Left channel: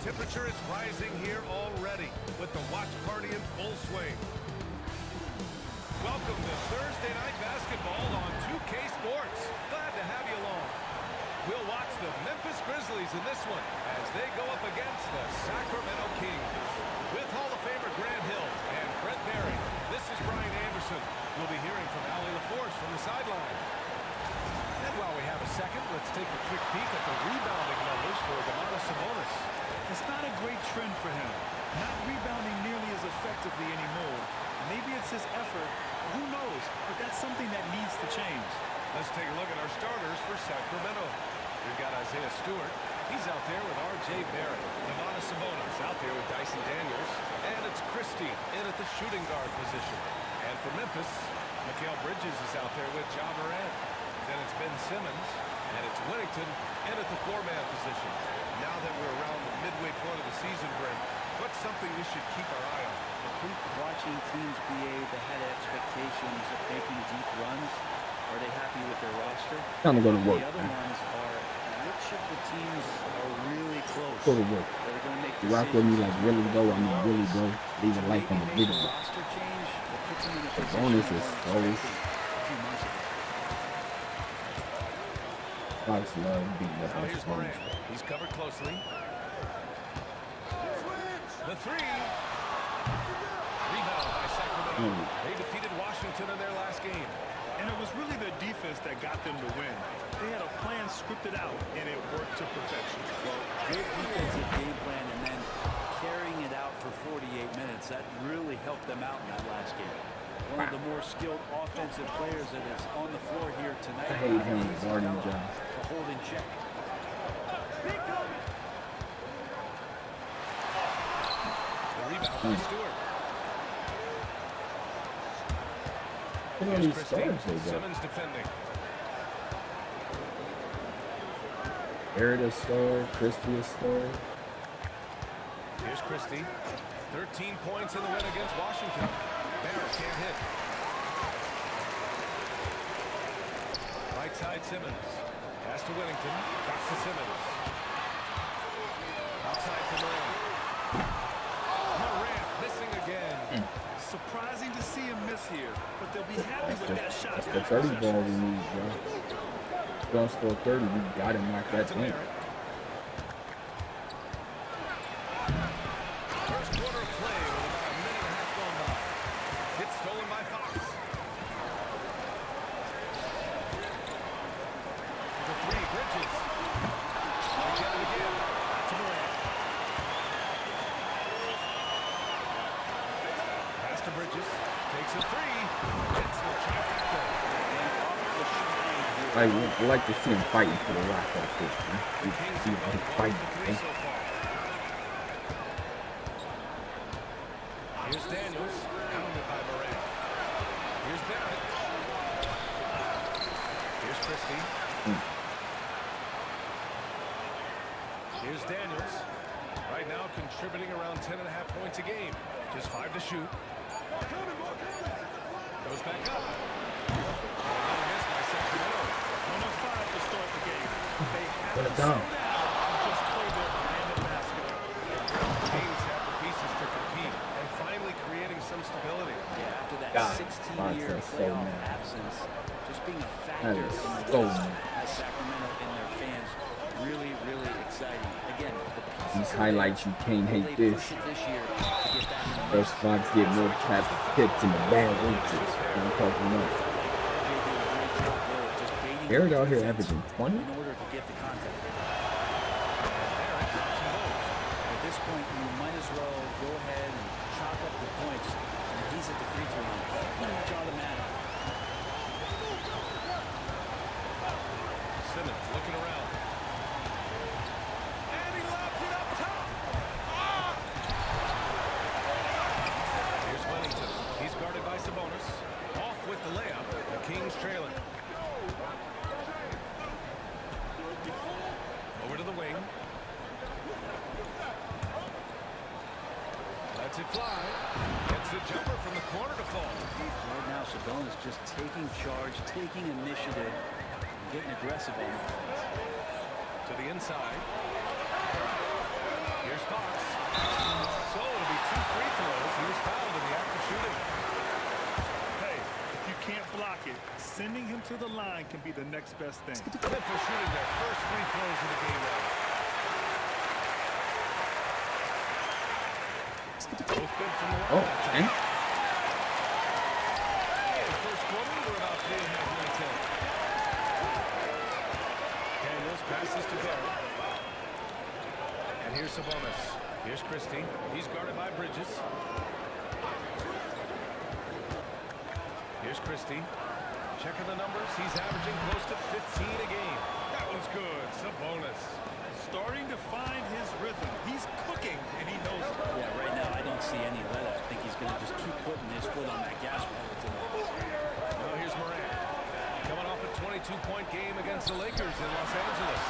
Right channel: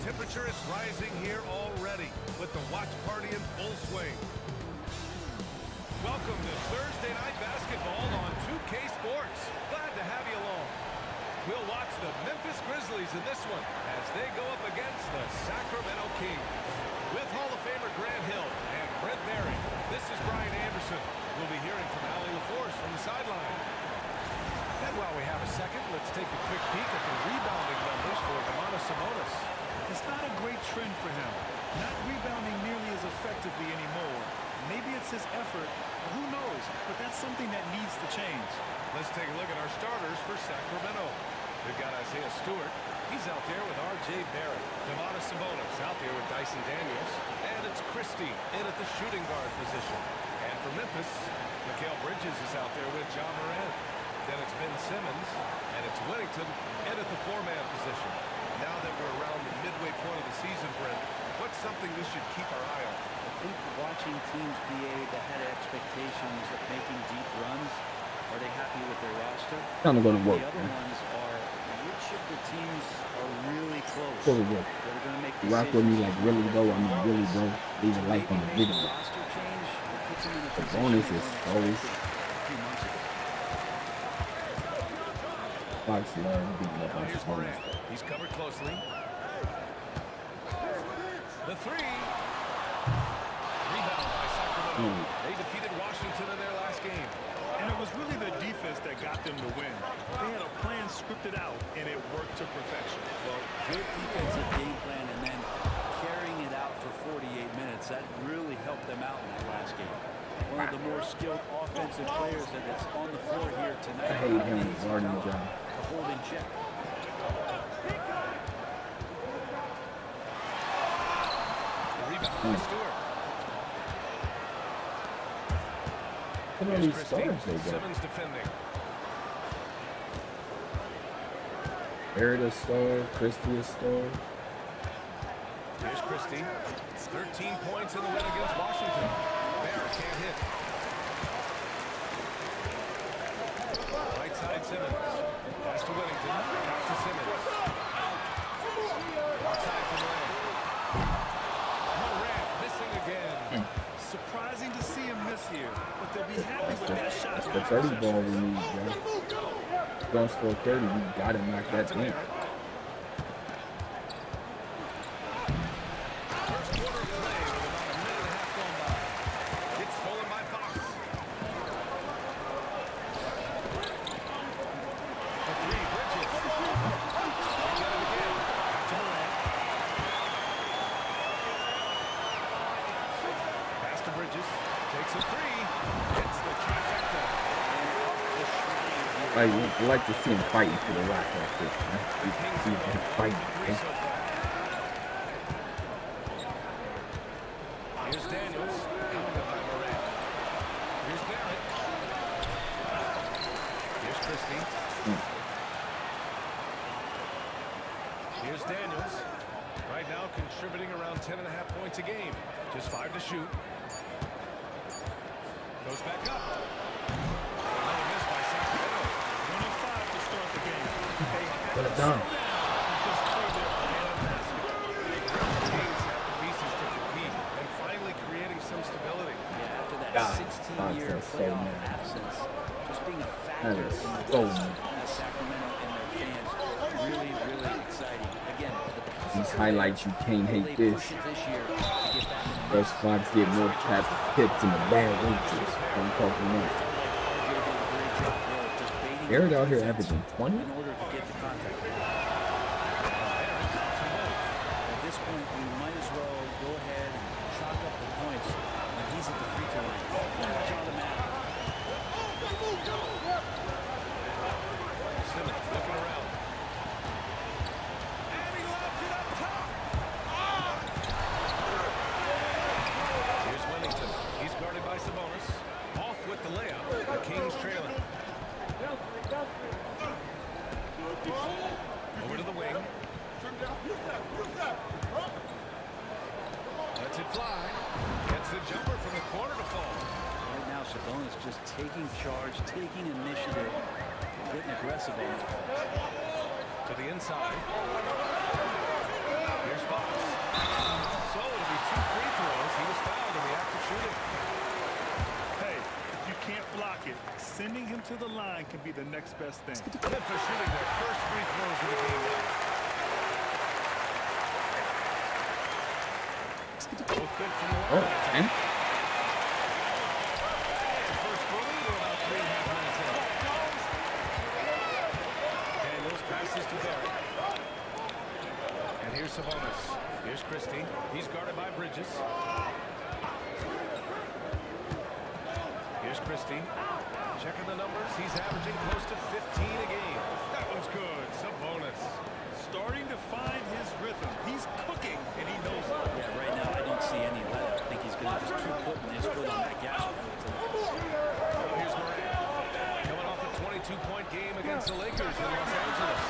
temperature is rising here already with the watch party in full swing. Welcome to Thursday Night Basketball on 2K Sports. Glad to have you along. We'll watch the Memphis Grizzlies in this one as they go up against the Sacramento Kings. With Hall of Famer Grant Hill and Brent Barry, this is Brian Anderson. We'll be hearing from Allie LaForce from the sideline. And while we have a second, let's take a quick peek at the rebounding numbers for Sabonis. It's not a great trend for him. Not rebounding nearly as effectively anymore. Maybe it's his effort, or who knows, but that's something that needs to change. Let's take a look at our starters for Sacramento. We've got Isaiah Stewart. He's out there with R.J. Barrett. Sabonis out there with Dyson Daniels. And it's Christie in at the shooting guard position. And for Memphis, Mikal Bridges is out there with Ja Morant. Then it's Ben Simmons. And it's Whittington in at the four-man position. Now that we're around the midway point of the season, Brent, what's something we should keep our eye on? I think watching teams behave ahead of expectations of making deep runs. Are they happy with their roster? Time to go to work. The other ones are which of the teams are really close. Go to work. That are going to make You rock with me like really go. I mean really go. Leave a life on the video. Roster change that puts them in a position bonus they is weren't always expecting a few months ago. Fox love beating up Now on here's Sabonis. Morant. He's covered closely. The three. Rebound by Sacramento. They defeated Washington in their last game. And it was really their defense that got them to win. They had a plan scripted out, and it worked to perfection. Well, good defensive game plan and then carrying it out for 48 minutes. That really helped them out in that last game. One of the more skilled offensive players that is on the floor here tonight. I hate him guarding job. To hold in check. The rebound by Stewart. Look at all these stars they got. Simmons defending. Barrett a star, Christie a star. Here's Christie. 13 points in the win against Washington. Barrett can't hit. Right side Simmons. Pass to Whittington. Back to Simmons. Outside to Morant. Morant missing again. Surprising to see him miss here, but they'll be happy with that shot. That's the 30 ball we need, John. Don't score 30, you gotta knock that down. First quarter of play with about a minute and a half gone by. It's stolen by Fox. For three, Bridges. They get it again. Back to Morant. Pass to Bridges. Takes a three. Hits the trifecta. And off the shrine here. I like to see him fighting for the rock like this, man. The Kings See have him gone 1 fighting, for 3 man. so far. Here's Daniels. Pounded by Morant. Here's Barrett. Here's Christie. Here's Daniels. Right now contributing around 10.5 points a game. Just 5 to shoot. Goes back up. And another miss by Sacramento. 1 of 5 to start the game. They have Put to it slow down. down and just play their brand of basketball. The Kings have the pieces to compete and finally creating some stability. Yeah, after that God, 16-year Fox is so playoff mad. absence, just being a factor in That is the so West mad. as Sacramento and their fans, really, really exciting. Again, the pieces These are highlights, you can't there. Will hate they this. push it this year to get back in the Those mix? Fox get more tap hits in the bad inches. I'm talking about. Felt like RJ did a great job there, just baiting Barrett the out here defense averaging 20? in order to get the contact. Barrett drops them both. At this point, you might as well go ahead and chalk up the points when he's at the free throw line. Pretty much automatic. Simmons looking around. And he lobs it up top. Here's Whittington. He's guarded by Sabonis. Off with the layup. The Kings trailing. Over to the wing. Lets it fly. Gets the jumper from the corner to fall. Right now, Sabonis just taking charge, taking initiative, and getting aggressive on offense. To the inside. Here's Fox. So it'll be 2 free throws. He was fouled in the act of shooting. Hey, if you can't block it, sending him to the line can be the next best thing. Memphis shooting their first free throws of the game now. Both good from the line that time. And first quarter, we're about 3.5 minutes in. Daniels passes to Barrett. And here's Sabonis. Here's Christie. He's guarded by Bridges. Here's Christie. Checking the numbers. He's averaging close to 15 a game. That one's good. Sabonis. Starting to find his rhythm. He's cooking, and he knows it. Yeah, right now I don't see any let up. I think he's going to just keep putting his foot on that gas pedal tonight. Now here's Morant. Coming off a 22-point game against the Lakers in Los Angeles.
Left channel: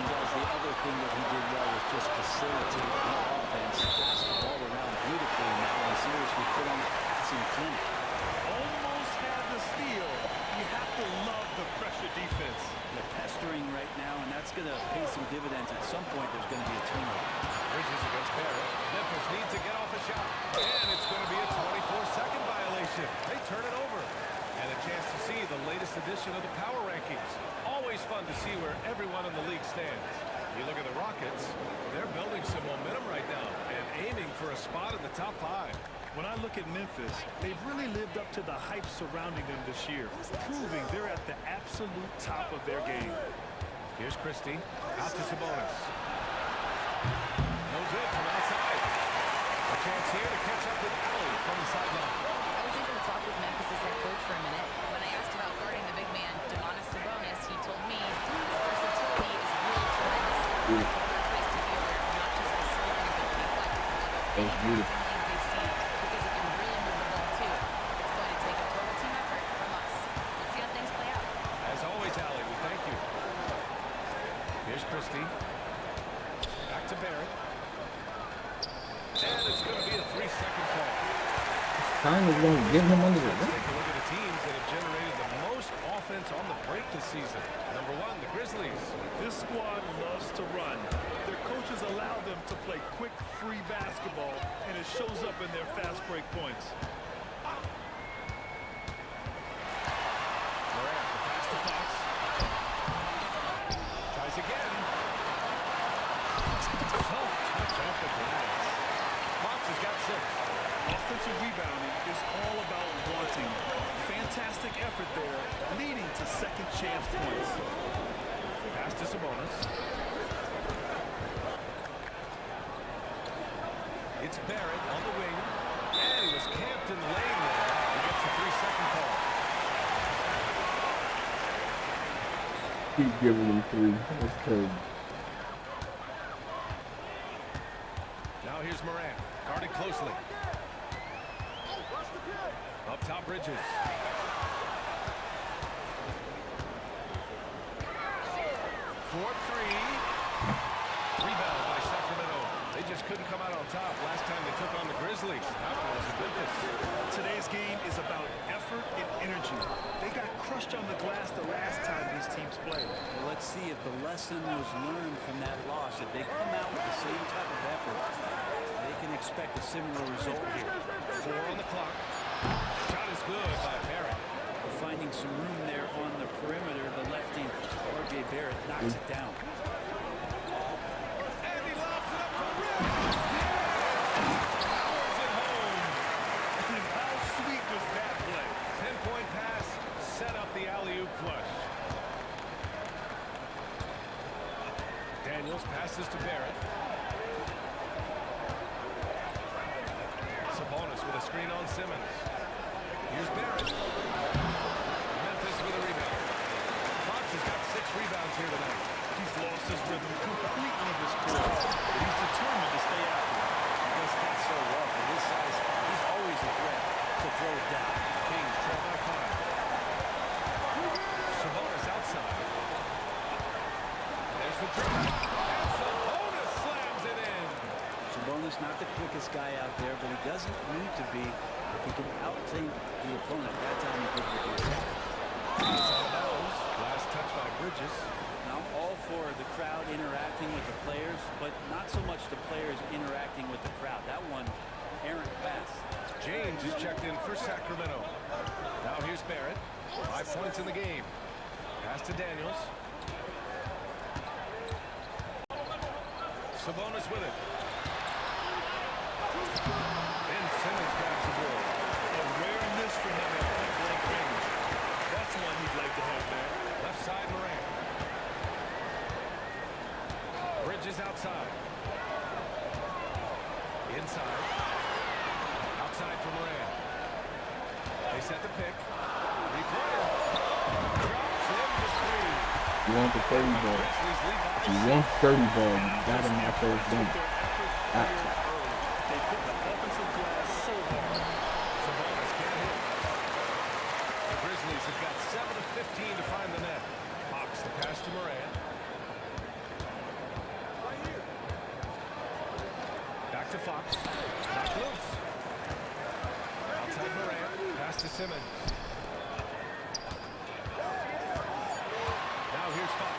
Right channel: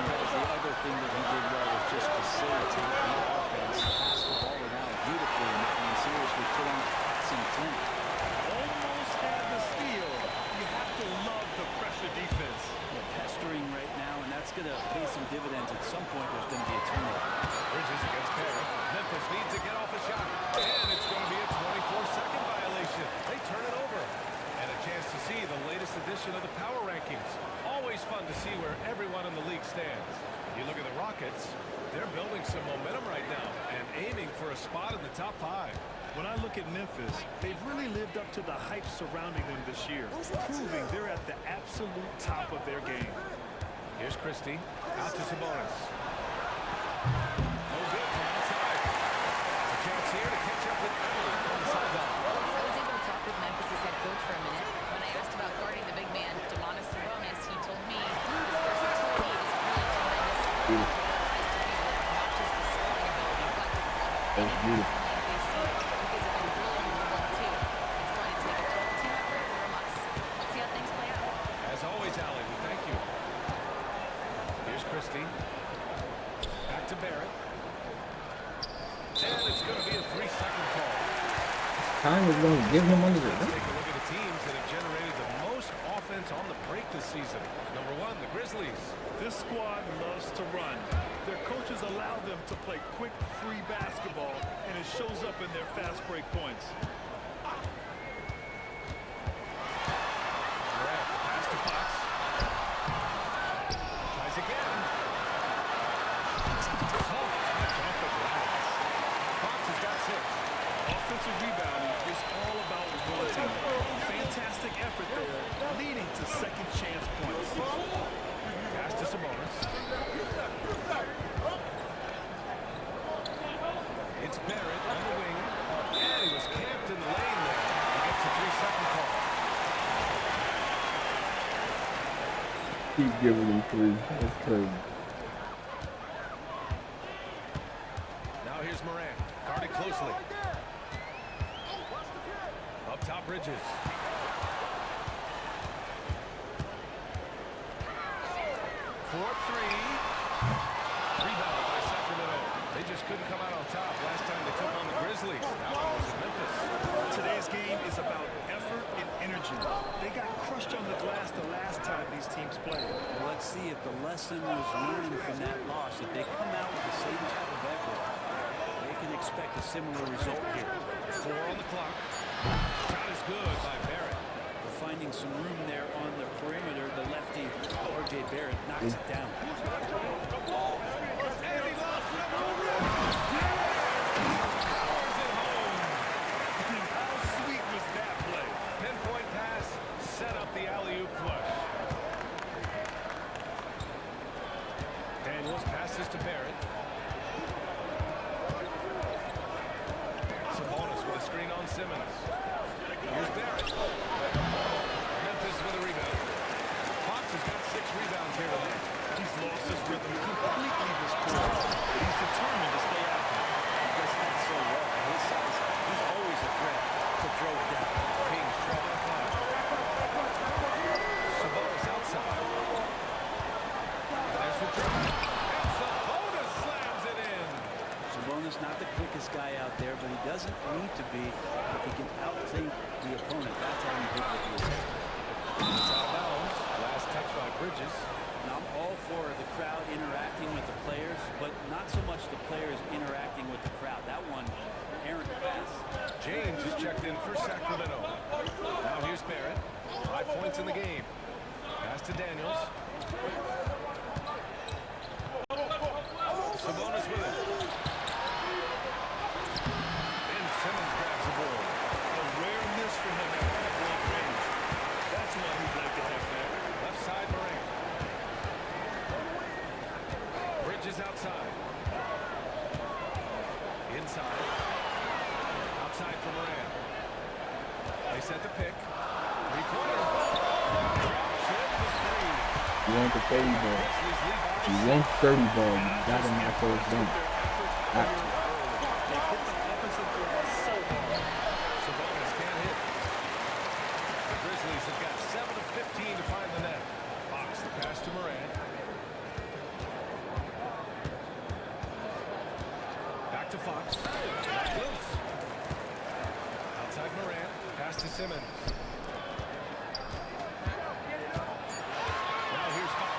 And guys, the other thing that he did well was just facilitate the offense, pass the ball around beautifully in that one. Seriously, put on a passing clinic. Almost had the steal. You have to love the pressure defense. They're pestering right now, and that's going to pay some dividends. At some point, there's going to be a turnover. Bridges against Barrett. Memphis needs to get off a shot. And it's going to be a 24-second violation. They turn it over. And a chance to see the latest edition of the power rankings. Always fun to see where everyone in the league stands. You look at the Rockets, they're building some momentum right now and aiming for a spot in the top 5. When I look at Memphis, they've really lived up to the hype surrounding them this year, proving they're at the absolute top of their game. Here's Christie, out to Sabonis. No good from outside. A chance here to catch up with Allie from the sideline. I was able to talk with Memphis' head coach for a minute. When I asked about guarding the big man, Sabonis, he told me his versatility is really tremendous. And I told him nice to be aware of not just his scoring ability, but to plug up any passing lanes they see, because it can really move the ball too. It's going to take a total team effort from us. Let's see how things play out. As always, Allie, we thank you. Here's Christie. Back to Barrett. And it's going to be a 3-second call. Time is going to give him under the Let's rim. take a look at the teams that have generated the most offense on the break this season. Number 1, the Grizzlies. This squad loves to run. Their coaches allow them to play quick, free basketball, and it shows up in their fast break points. Morant, the pass to Fox. Tries again. Soft touch off the glass. Fox has got 6. Offensive rebounding is all about wanting it. Fantastic effort there, leading to second chance points. Pass to Sabonis. It's Barrett on the wing. And he was camped in the lane there. He gets a 3-second call. Keep giving him 3. That's crazy. Now here's Morant, guarded closely. Up top, Bridges. For 3. Rebound by Sacramento. They just couldn't come out on top last time they took on the Grizzlies. That one was in Memphis. Today's game is about effort and energy. They got crushed on the glass the last time these teams played. Well, let's see if the lesson was learned from that loss. If they come out with the same type of effort, they can expect a similar result here. 4 on the clock. Shot is good by Barrett. We're finding some room there on the perimeter. The lefty, R.J. Barrett, knocks it down. And he lobs it up to the rim. And powers it home. How sweet was that play? Pinpoint pass, set up the alley-oop flush. Daniels passes to Barrett. Sabonis with a screen on Simmons. Here's Barrett. Memphis with a rebound. Fox has got 6 rebounds here tonight. He's lost his rhythm completely this quarter, but he's determined to stay after him. He does that so well. At his size, he's always a threat to throw it down. Kings trail by 5. Sabonis outside. And there's the drive. And Sabonis slams it in. Sabonis not the quickest guy out there, but he doesn't need to be if he can outthink the opponent. That time he did with the attack. It's out of bounds. Last touch by Bridges. Now, I'm all for the crowd interacting with the players, but not so much the players interacting with the crowd. That one, errant pass. James is checked in for Sacramento. Now here's Barrett. 5 points in the game. Pass to Daniels. Sabonis with it. Ben Simmons grabs the ball. A rare miss for him at point-blank range. That's one he'd like to have back. Left side, Morant. Bridges outside. Inside. Outside for Morant. They set the pick. Three-pointer. Drops in the three. You want the 30 ball. Grizzlies lead by You 6. want 30 ball. You gotta knock those down. Their effort here early. They hit the offensive glass so hard. Sabonis can't hit. The Grizzlies have got 7 of 15 to find the net. Fox the pass to Morant. Back to Fox. Knocked loose. Outside Morant. Pass to Simmons. Now here's Fox.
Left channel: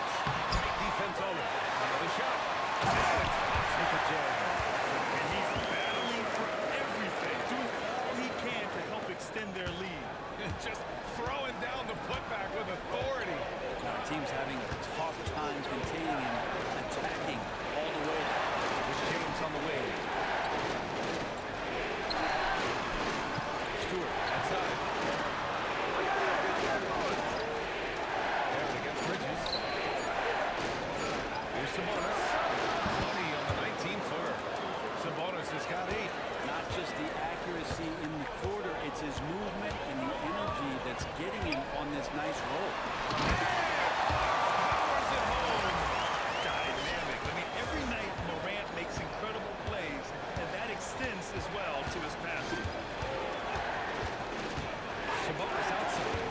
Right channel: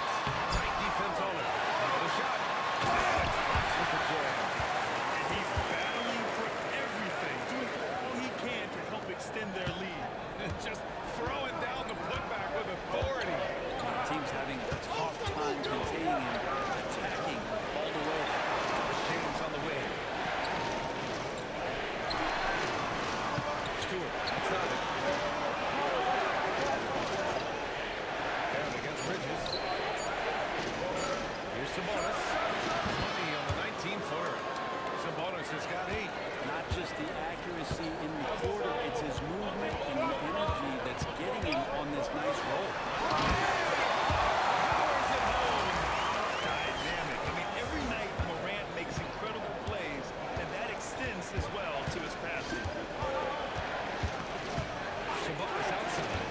Tight defense on it. Another shot. And it's Fox with the jam. And he's battling for everything, doing all he can to help extend their lead. Just throwing down the putback with authority. Team's having a tough time containing him, attacking all the way there. This James on the wing. Stewart outside. Aaron against Bridges. Here's Sabonis. Money on the 19-footer. Sabonis has got 8. Not just the accuracy in the quarter, it's his movement and the energy that's getting him on this nice roll. Powers it home. Dynamic. I mean, every night Morant makes incredible plays, and that extends as well to his passing. Sabonis outside.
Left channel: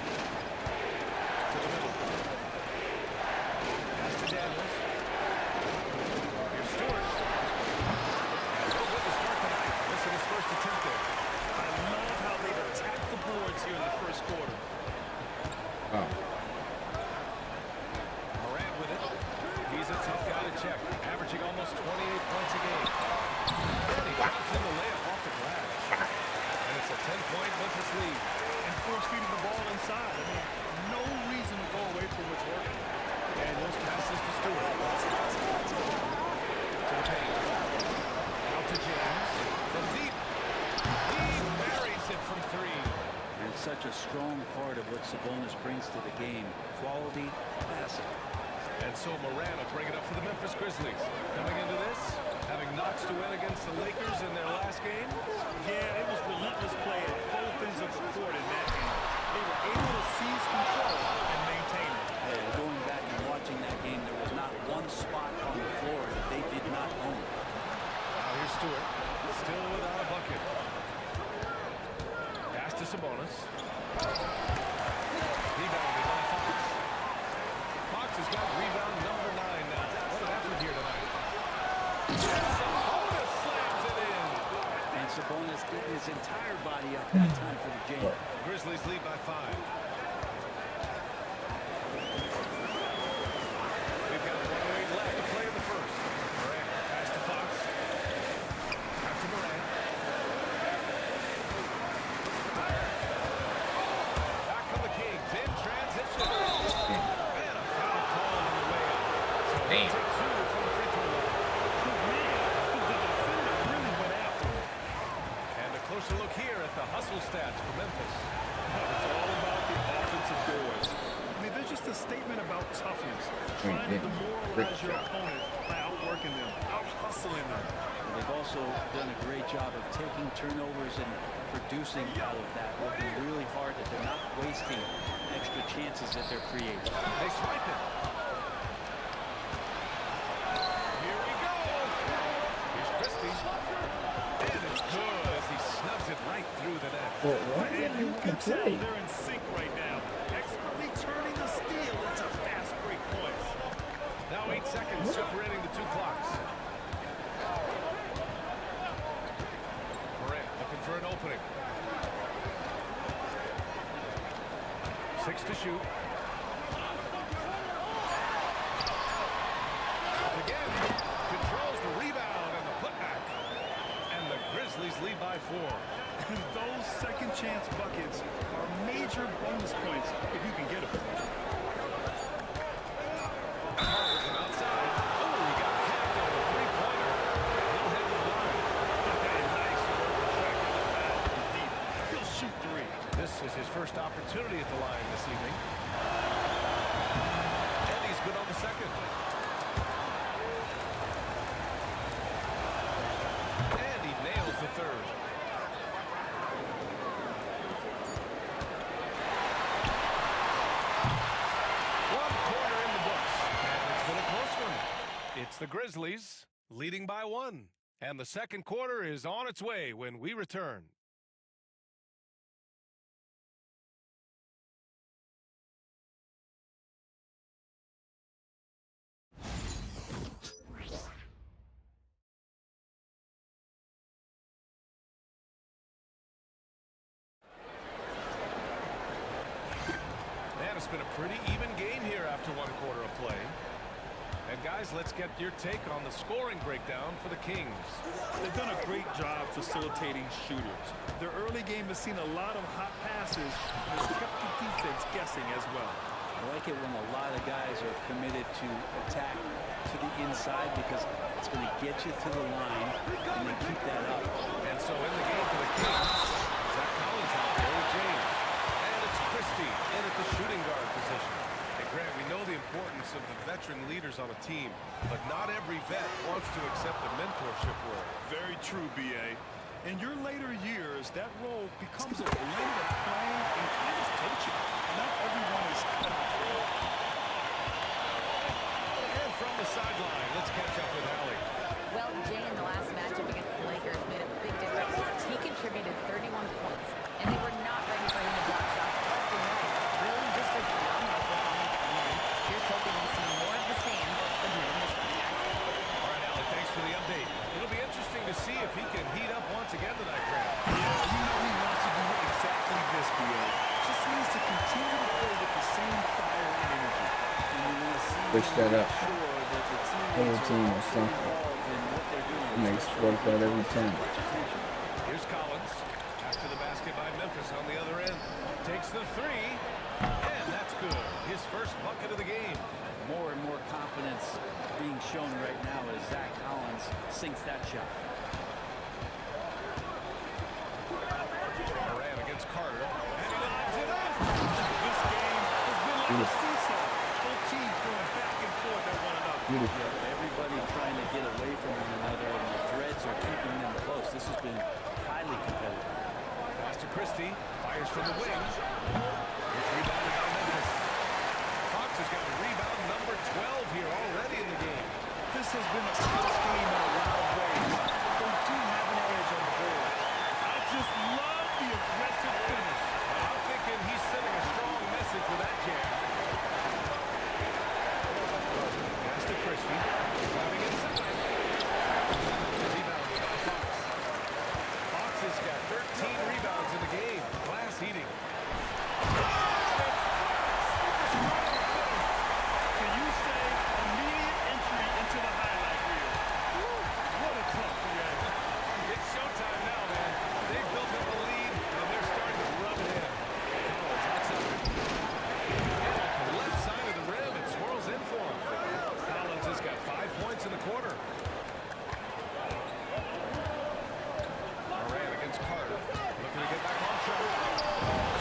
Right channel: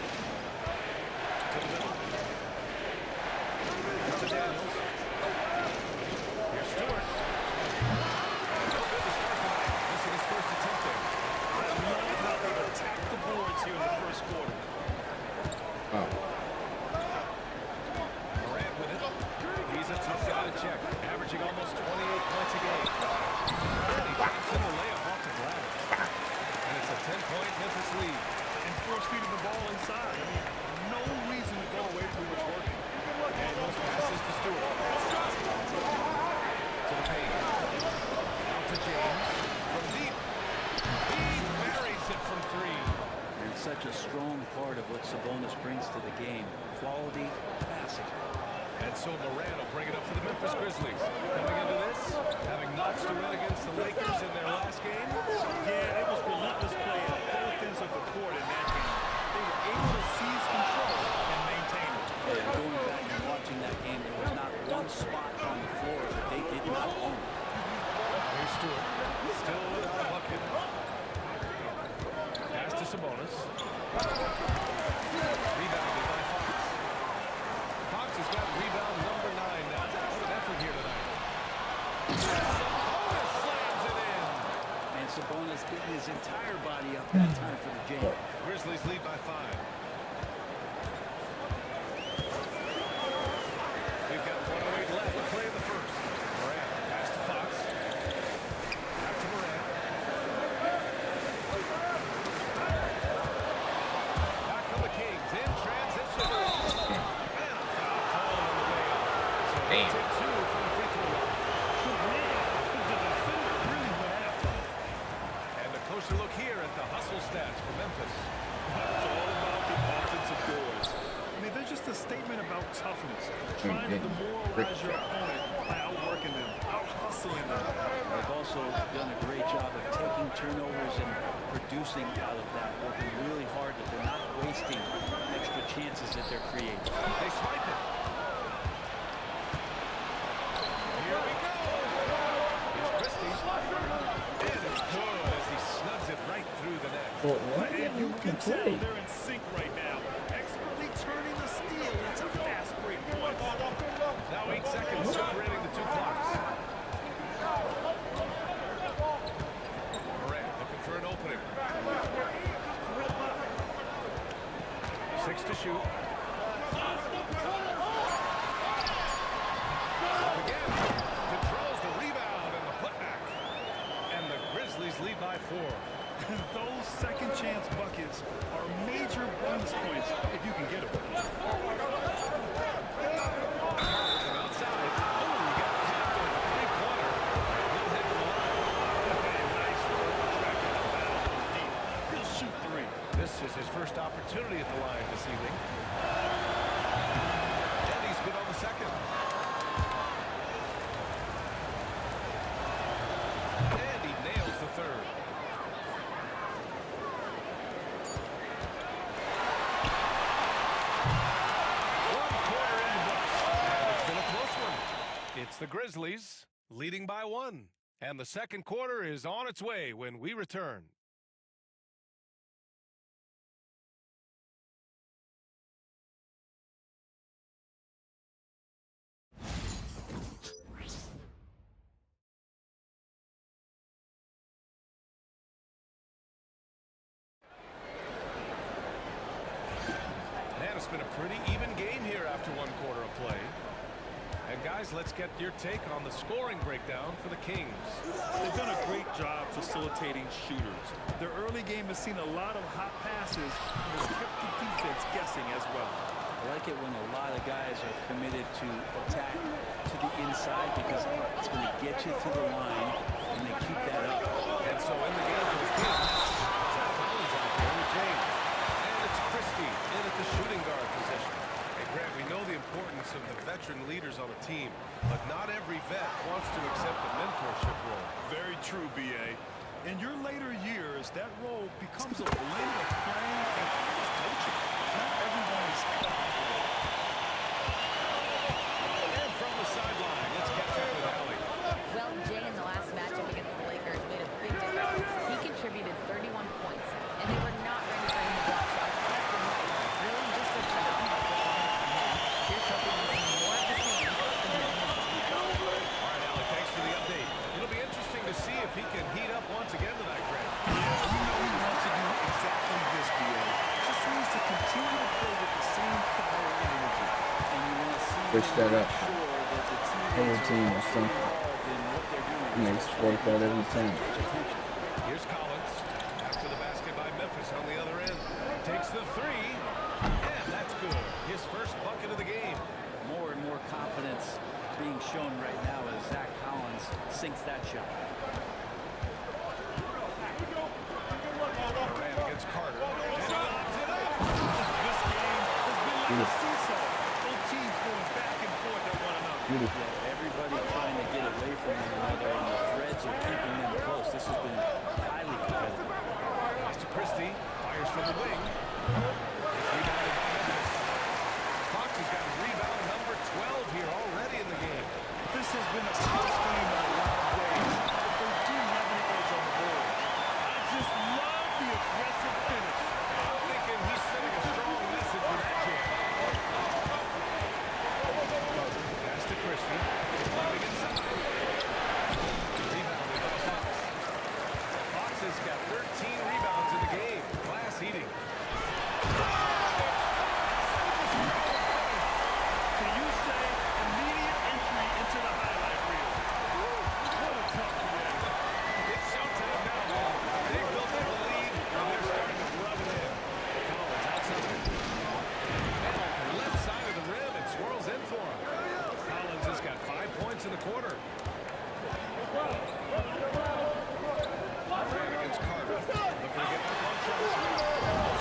To the middle. Pass to Daniels. Here's Stewart. And no good to start tonight. Missing his first attempt there. I love how they've attacked the boards here in the first quarter. Oh. Morant with it. He's a tough guy to check. Averaging almost 28 points a game. And he drops in the layup off the glass. And it's a 10-point Memphis lead. And force-feeding the ball inside. I mean, no reason to go away from what's working. Daniels passes to Stewart. To the paint. Out to James. From deep. He buries it from 3. And it's such a strong part of what Sabonis brings to the game. Quality passing. And so Morant will bring it up for the Memphis Grizzlies. Coming into this, having notched to win against the Lakers in their last game. Yeah, it was relentless play at both ends of the court in that game. They were able to seize control and maintain it. And going back and watching that game, there was not one spot on the floor that they did not own. Now here's Stewart, still without a bucket. Pass to Sabonis. Rebounded by Fox. Fox has got rebound number 9 now. What an effort here tonight. And Sabonis slams it in. And Sabonis getting his entire body up that time for the jam. Grizzlies lead by 5. We've got 1:08 left to play in the first. Morant, pass to Fox. Back to Morant. Back come the Kings in transition. And a foul call on the way up. So they take 2 from the free throw line. Man, the defender really went after him. And a closer look here at the hustle stats for Memphis. It's all about the offensive boards. I mean, they're just a statement about toughness, trying to demoralize your opponent by outworking them, out-hustling them. They've also done a great job of taking turnovers and producing out of that, working really hard that they're not wasting extra chances that they're creating. They swipe it. Here we go. Here's Christie. And it's good as he snugs it right through the net. Well, what? And you can tell play? they're in sync right now, expertly turning the steal into fast break points. Now 8 seconds separating the 2 clocks. Morant looking for an opening. 6 to shoot. Again, controls the rebound and the putback. And the Grizzlies lead by 4. And those second chance buckets are major bonus points if you can get them. From outside. Oh, he got hacked on a three-pointer. And he'll head to the line. Nice work tracking the foul from deep. He'll shoot 3. This is his first opportunity at the line this evening. And he's good on the second. And he nails the third. It's the Grizzlies leading by 1. And the second quarter is on its way when we return. Man, it's been a pretty even game here after one quarter of play. And guys, let's get your take on the scoring breakdown for the Kings. They've done a great job facilitating shooters. Their early game has seen a lot of hot passes and has kept the defense guessing as well. I like it when a lot of guys are committed to attack to the inside because it's going to get you to the line and they keep that up. And so in the game for the Kings, Zach Collins out there with James. And it's Christie in at the shooting guard position. Hey, Grant, we know the importance of the veteran leaders on a team, but not every vet wants to accept a mentorship role. Very true, B.A. In your later years, that role becomes a blend of playing and kind of coaching. Not everyone is cut out for that. And from the sideline, let's catch up with Allie. Well, Jay in the last matchup against the Lakers made a big difference. He contributed 31 points, and they were not ready for him to block shots left and right. Really just a phenomenal performance from him. Here's hoping we see more of the same from him in this one, guys. All right, Allie, thanks for the update. It'll be interesting to see if he can heat up once again tonight, Grant. Yeah, you know he wants to do exactly this, B.A. Just needs to continue to play with the same fire and energy. And you want to see Switch that up. sure that the Whole teammates team are or also something. involved in what they're doing. Makes especially work out when every it time. gets attention. Here's Collins. Pass to the basket by Memphis on the other end. Takes the three, and that's good. His first bucket of the game. More and more confidence being shown right now as Zach Collins sinks that shot. Morant against Carter, and he lobs it up. This game has been like a seesaw. Both teams going back and forth at one another. Beautiful. Yeah, everybody trying to get away from one another, and the threads are keeping them close. This has been highly competitive. Pass to Christie, fires from the wing. It's rebounded by Memphis. Fox has got rebound number 12 here already in the game. This has been a close game in a lot of ways, but they do have an edge on the boards. I just love the aggressive finish. Now, I'm thinking he's sending a strong message with that jam. Carter, pass to Christie. Driving inside. Rebounded by Fox. Fox has got 13 rebounds in the game. Glass eating. Can you say immediate entry into the highlight reel? Woo, what a tough BA. It's showtime now, man. They've built up a lead, and they're starting to rub it in. Collins outside. And off the left side of the rim, it swirls in for him. Collins has got 5 points in the quarter. Morant against Carter. Looking to get back on track.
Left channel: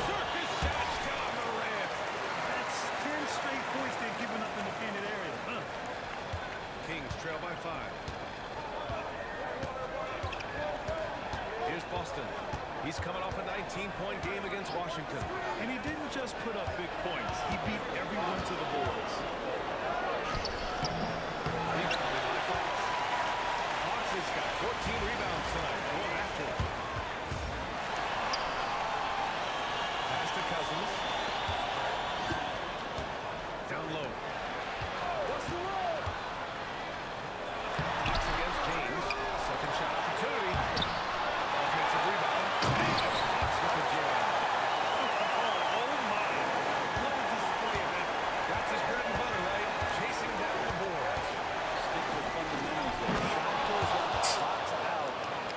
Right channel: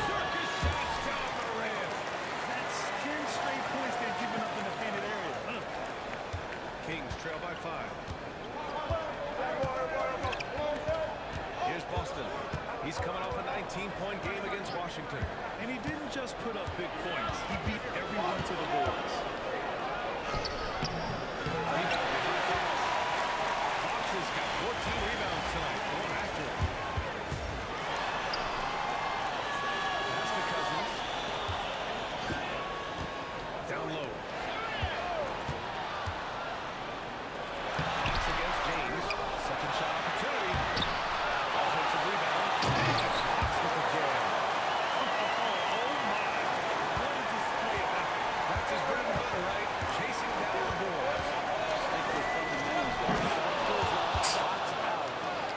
Circus shot, John Morant. That's 10 straight points they've given up in the painted area. Kings trail by 5. Here's Boston. He's coming off a 19-point game against Washington. And he didn't just put up big points. He beat everyone to the boards. Rebounded by Fox. Fox has got 14 rebounds tonight. Going after it. Pass to Cousins. Down low. Fox against James. Second shot opportunity. Offensive rebound. And it's Fox with the jam. Oh, my. That's his bread and butter, right? Chasing down the boards. Stick with fundamentals there. Shot goes up, box out,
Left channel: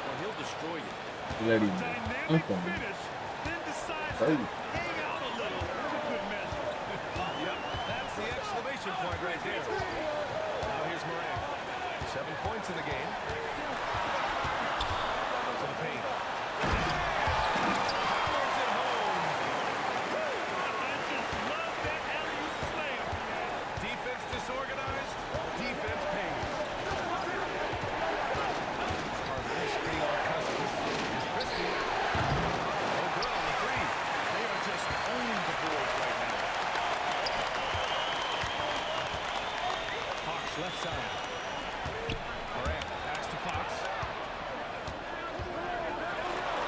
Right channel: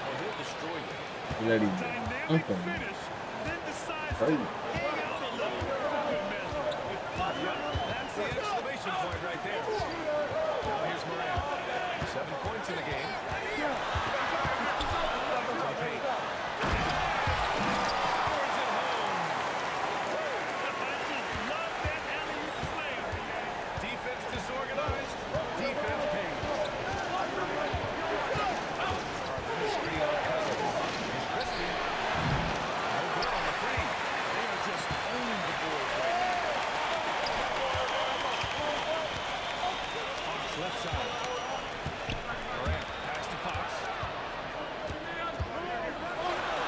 or he'll destroy you. Let him Dynamic dunk him. finish, then decides Crazy. to hang out a little for good measure. Yep, that's the exclamation point right there. Now here's Morant. 7 points in the game. To the paint. Powers it home. I just love that alley-oop slam, BA. Defense disorganized. Defense pays. Carter, screen on Cousins. Here's Christie. No good on the three. They are just owning the boards right now. Fox left side. Morant, pass to Fox.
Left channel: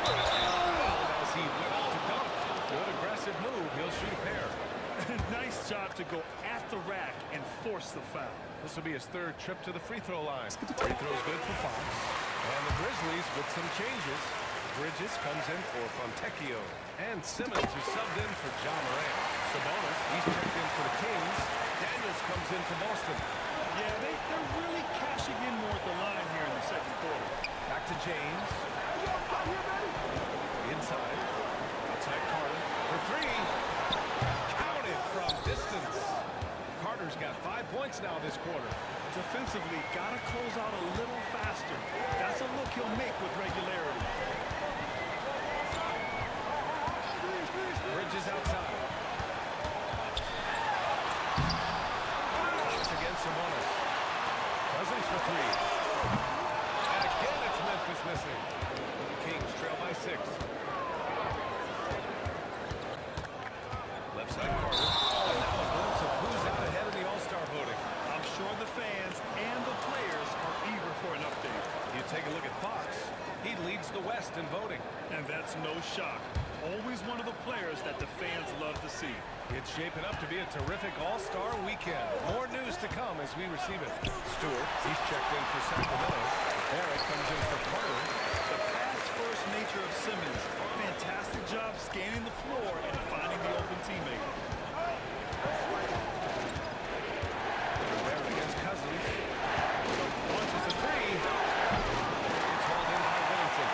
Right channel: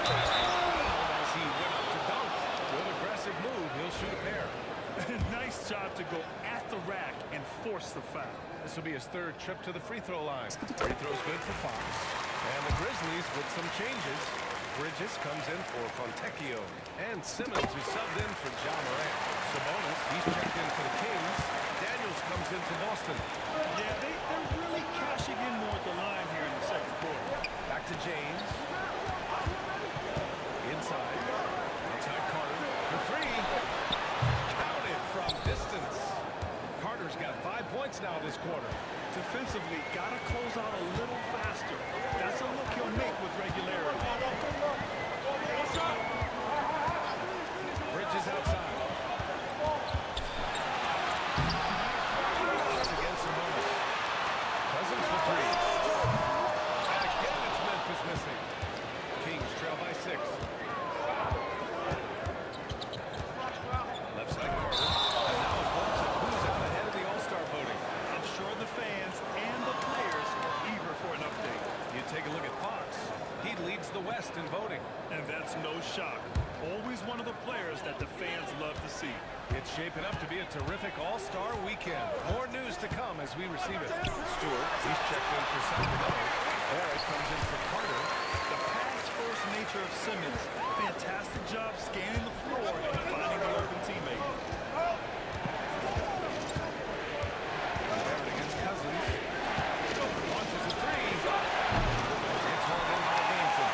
Fouled as he went up to dunk. Good aggressive move. He'll shoot a pair. Nice job to go at the rack and force the foul. This will be his 3rd trip to the free throw line. Free throw's good for Fox. And the Grizzlies with some changes. Bridges comes in for Fontecchio. And Simmons is subbed in for Ja Morant. Sabonis, he's checked in for the Kings. Daniels comes in for Boston. Yeah, they're really cashing in more at the line here in the second quarter. Back to James. Inside. Outside Carter for 3. Counted from distance. Carter's got 5 points now this quarter. Defensively, gotta close out a little faster. That's a look he'll make with regularity. Bridges outside. Fox against Sabonis. Cousins for 3. And again it's Memphis missing. Kings trail by 6. Left side Carter. And now a glimpse of who's out ahead in the All-Star voting. I'm sure the fans and the players are eager for an update. You take a look at Fox. He leads the West in voting. And that's no shock. Always one of the players that the fans love to see. It's shaping up to be a terrific All-Star weekend. More news to come as we receive it. Stewart, he's checked in for Sacramento. Barrett comes in for Carter. The pass-first nature of Simmons. Fantastic job scanning the floor and finding the open teammate. Barrett against Cousins. Launches a 3. It's hauled in by Whittington.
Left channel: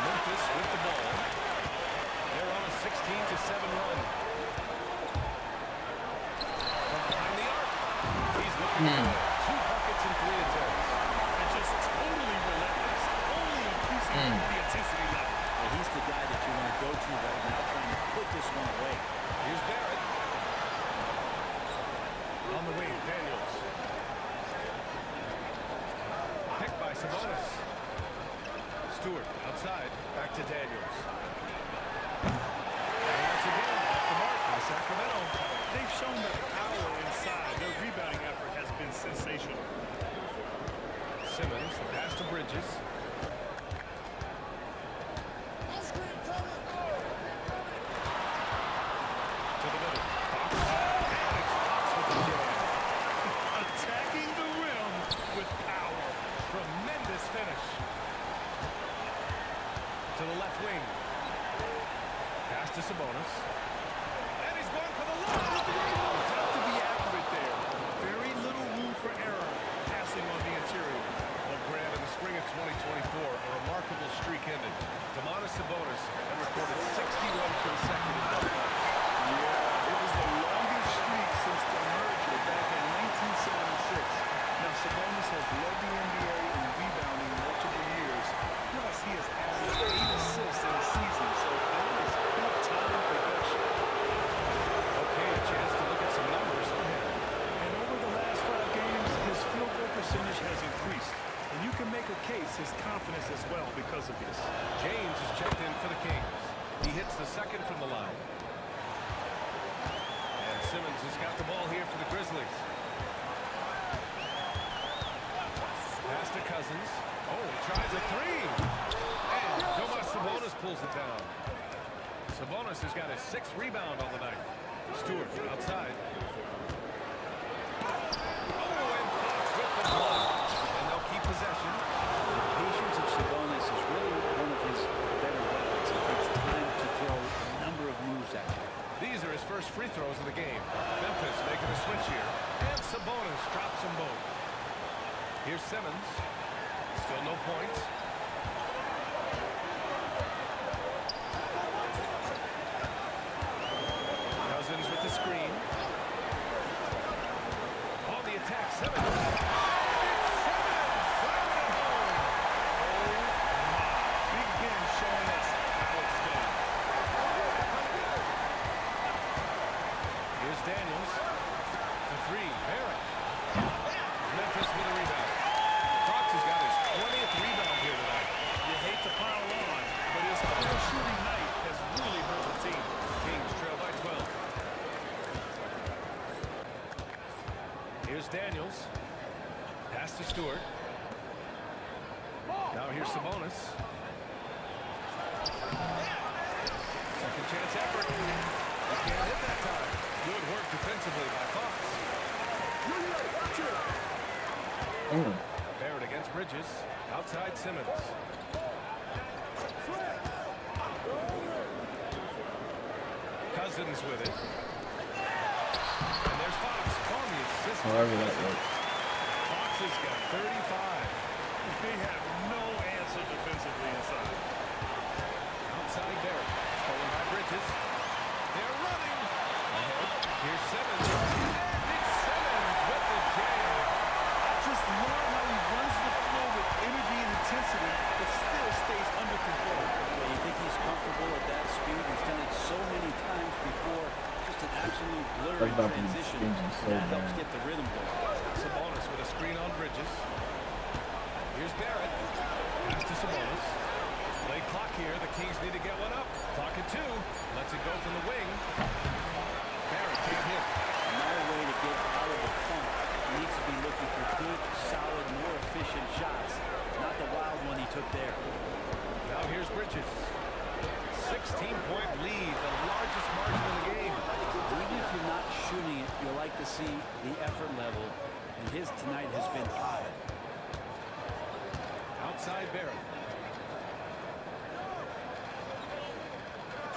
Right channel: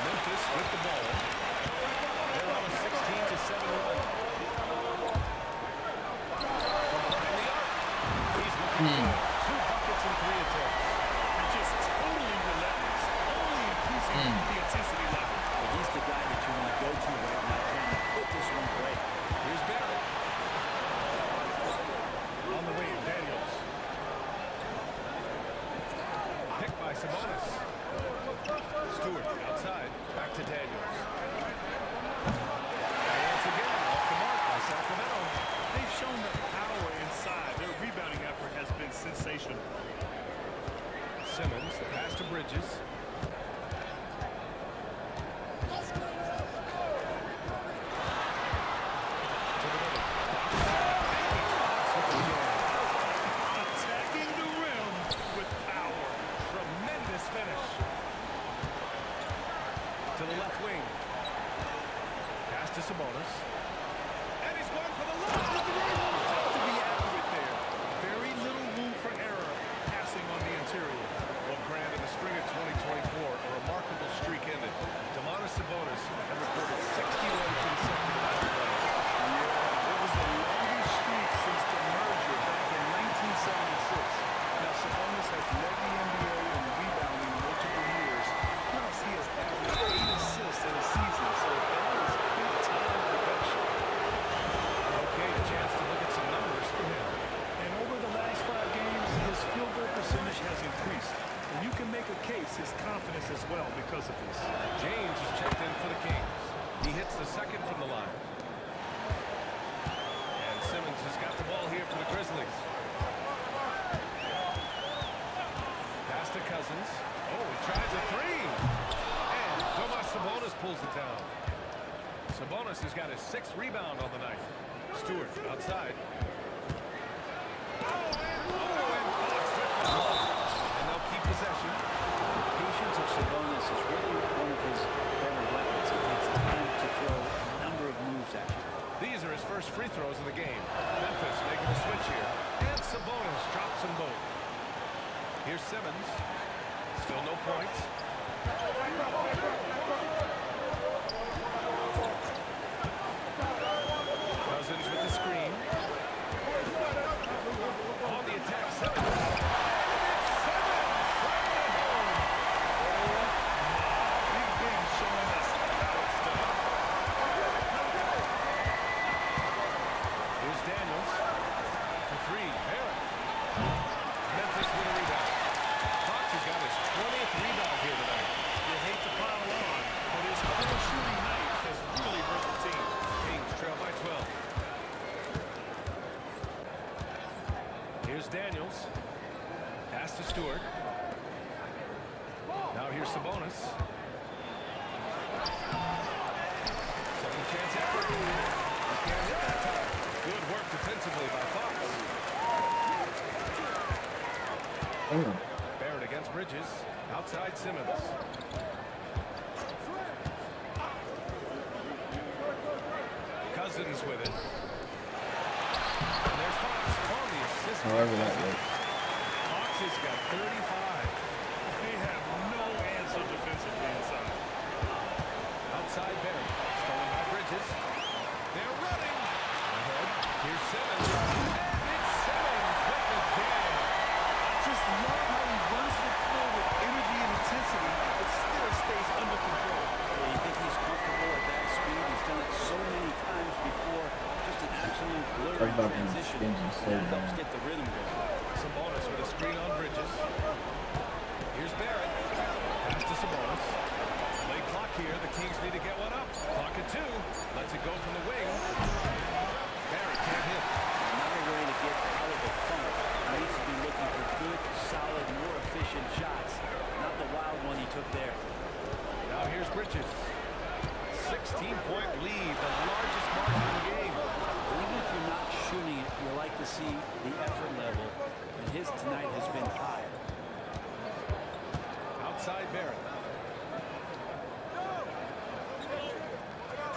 Memphis with the ball. They're on a 16-7 run. From behind the arc. He's looking good. 2 buckets and 3 attempts. And just totally relentless. Only increasing the intensity level. And he's the guy that you want to go to right now, trying to put this one away. Here's Barrett. On the wing, Daniels. Picked by Sabonis. Stewart outside. Back to Daniels. And once again, off the mark by Sacramento. They've shown the power inside. Their rebounding effort has been sensational. Simmons, the pass to Bridges. To the middle. Fox. And it's Fox with the jam. Attacking the rim with power. Tremendous finish. To the left wing. Pass to Sabonis. And he's going for the lob. You have to be accurate there. Very little room for error passing on the interior. Well, Grant, in the spring of 2024, a remarkable streak ended. Sabonis had recorded 61 consecutive double-doubles. Yeah, it was the longest streak since the merger back in 1976. Now, Sabonis has led the NBA in rebounding multiple years. Plus, he has averaged 8 assists in a season, so that is big-time production. Okay, a chance to look at some numbers for him. And over the last 5 games, his field goal percentage has increased. And you can make a case his confidence as well because of this. James is checked in for the Kings. He hits the second from the line. And Simmons has got the ball here for the Grizzlies. Pass to Cousins. Oh, he tries a 3. And Sabonis pulls it down. Sabonis has got his 6th rebound on the night. Stewart outside. Oh, and Fox with the block. And they'll keep possession. The patience of Sabonis is really one of his better weapons. It takes time to throw a number of moves at you. These are his first free throws of the game. Memphis making a switch here. And Sabonis drops them both. Here's Simmons. Still no points. Cousins with the screen. On the attack, Simmons. And it's Simmons! Slamming it home! Oh, my. Big Ben showing us how it's done. Here's Daniels. For three, Barrett. Memphis with a rebound. Fox has got his 20th rebound here tonight. You hate to pile on, but his poor shooting night has really hurt the team. Kings trail by 12. Here's Daniels. Pass to Stewart. Now here's Sabonis. Second chance effort. He can't hit that time. Good work defensively by Fox. Barrett against Bridges. Outside Simmons. Cousins with it. And there's Fox on the assist by Cousins. Fox has got 35. They have no answer defensively inside. Outside Barrett. Stolen by Bridges. They're running. Ahead. Here's Simmons. And it's Simmons with the jam. I just love how he runs the floor with energy and intensity, but still stays under control. Yeah, you think he's comfortable at that speed? He's done it so many times before. Just an absolute blur in transition. That helps get the rhythm going. Sabonis with a screen on Bridges. Here's Barrett. Pass to Sabonis. Play clock here. The Kings need to get one up. Clock at 2. Lets it go from the wing. Barrett can't hit. Not a way to get out of the funk. He needs to be looking for good, solid, more efficient shots. Not the wild one he took there. Now here's Bridges. 16-point lead, the largest margin in the game. Even if you're not shooting it, you like to see the effort level, and his tonight has been high. Outside Barrett.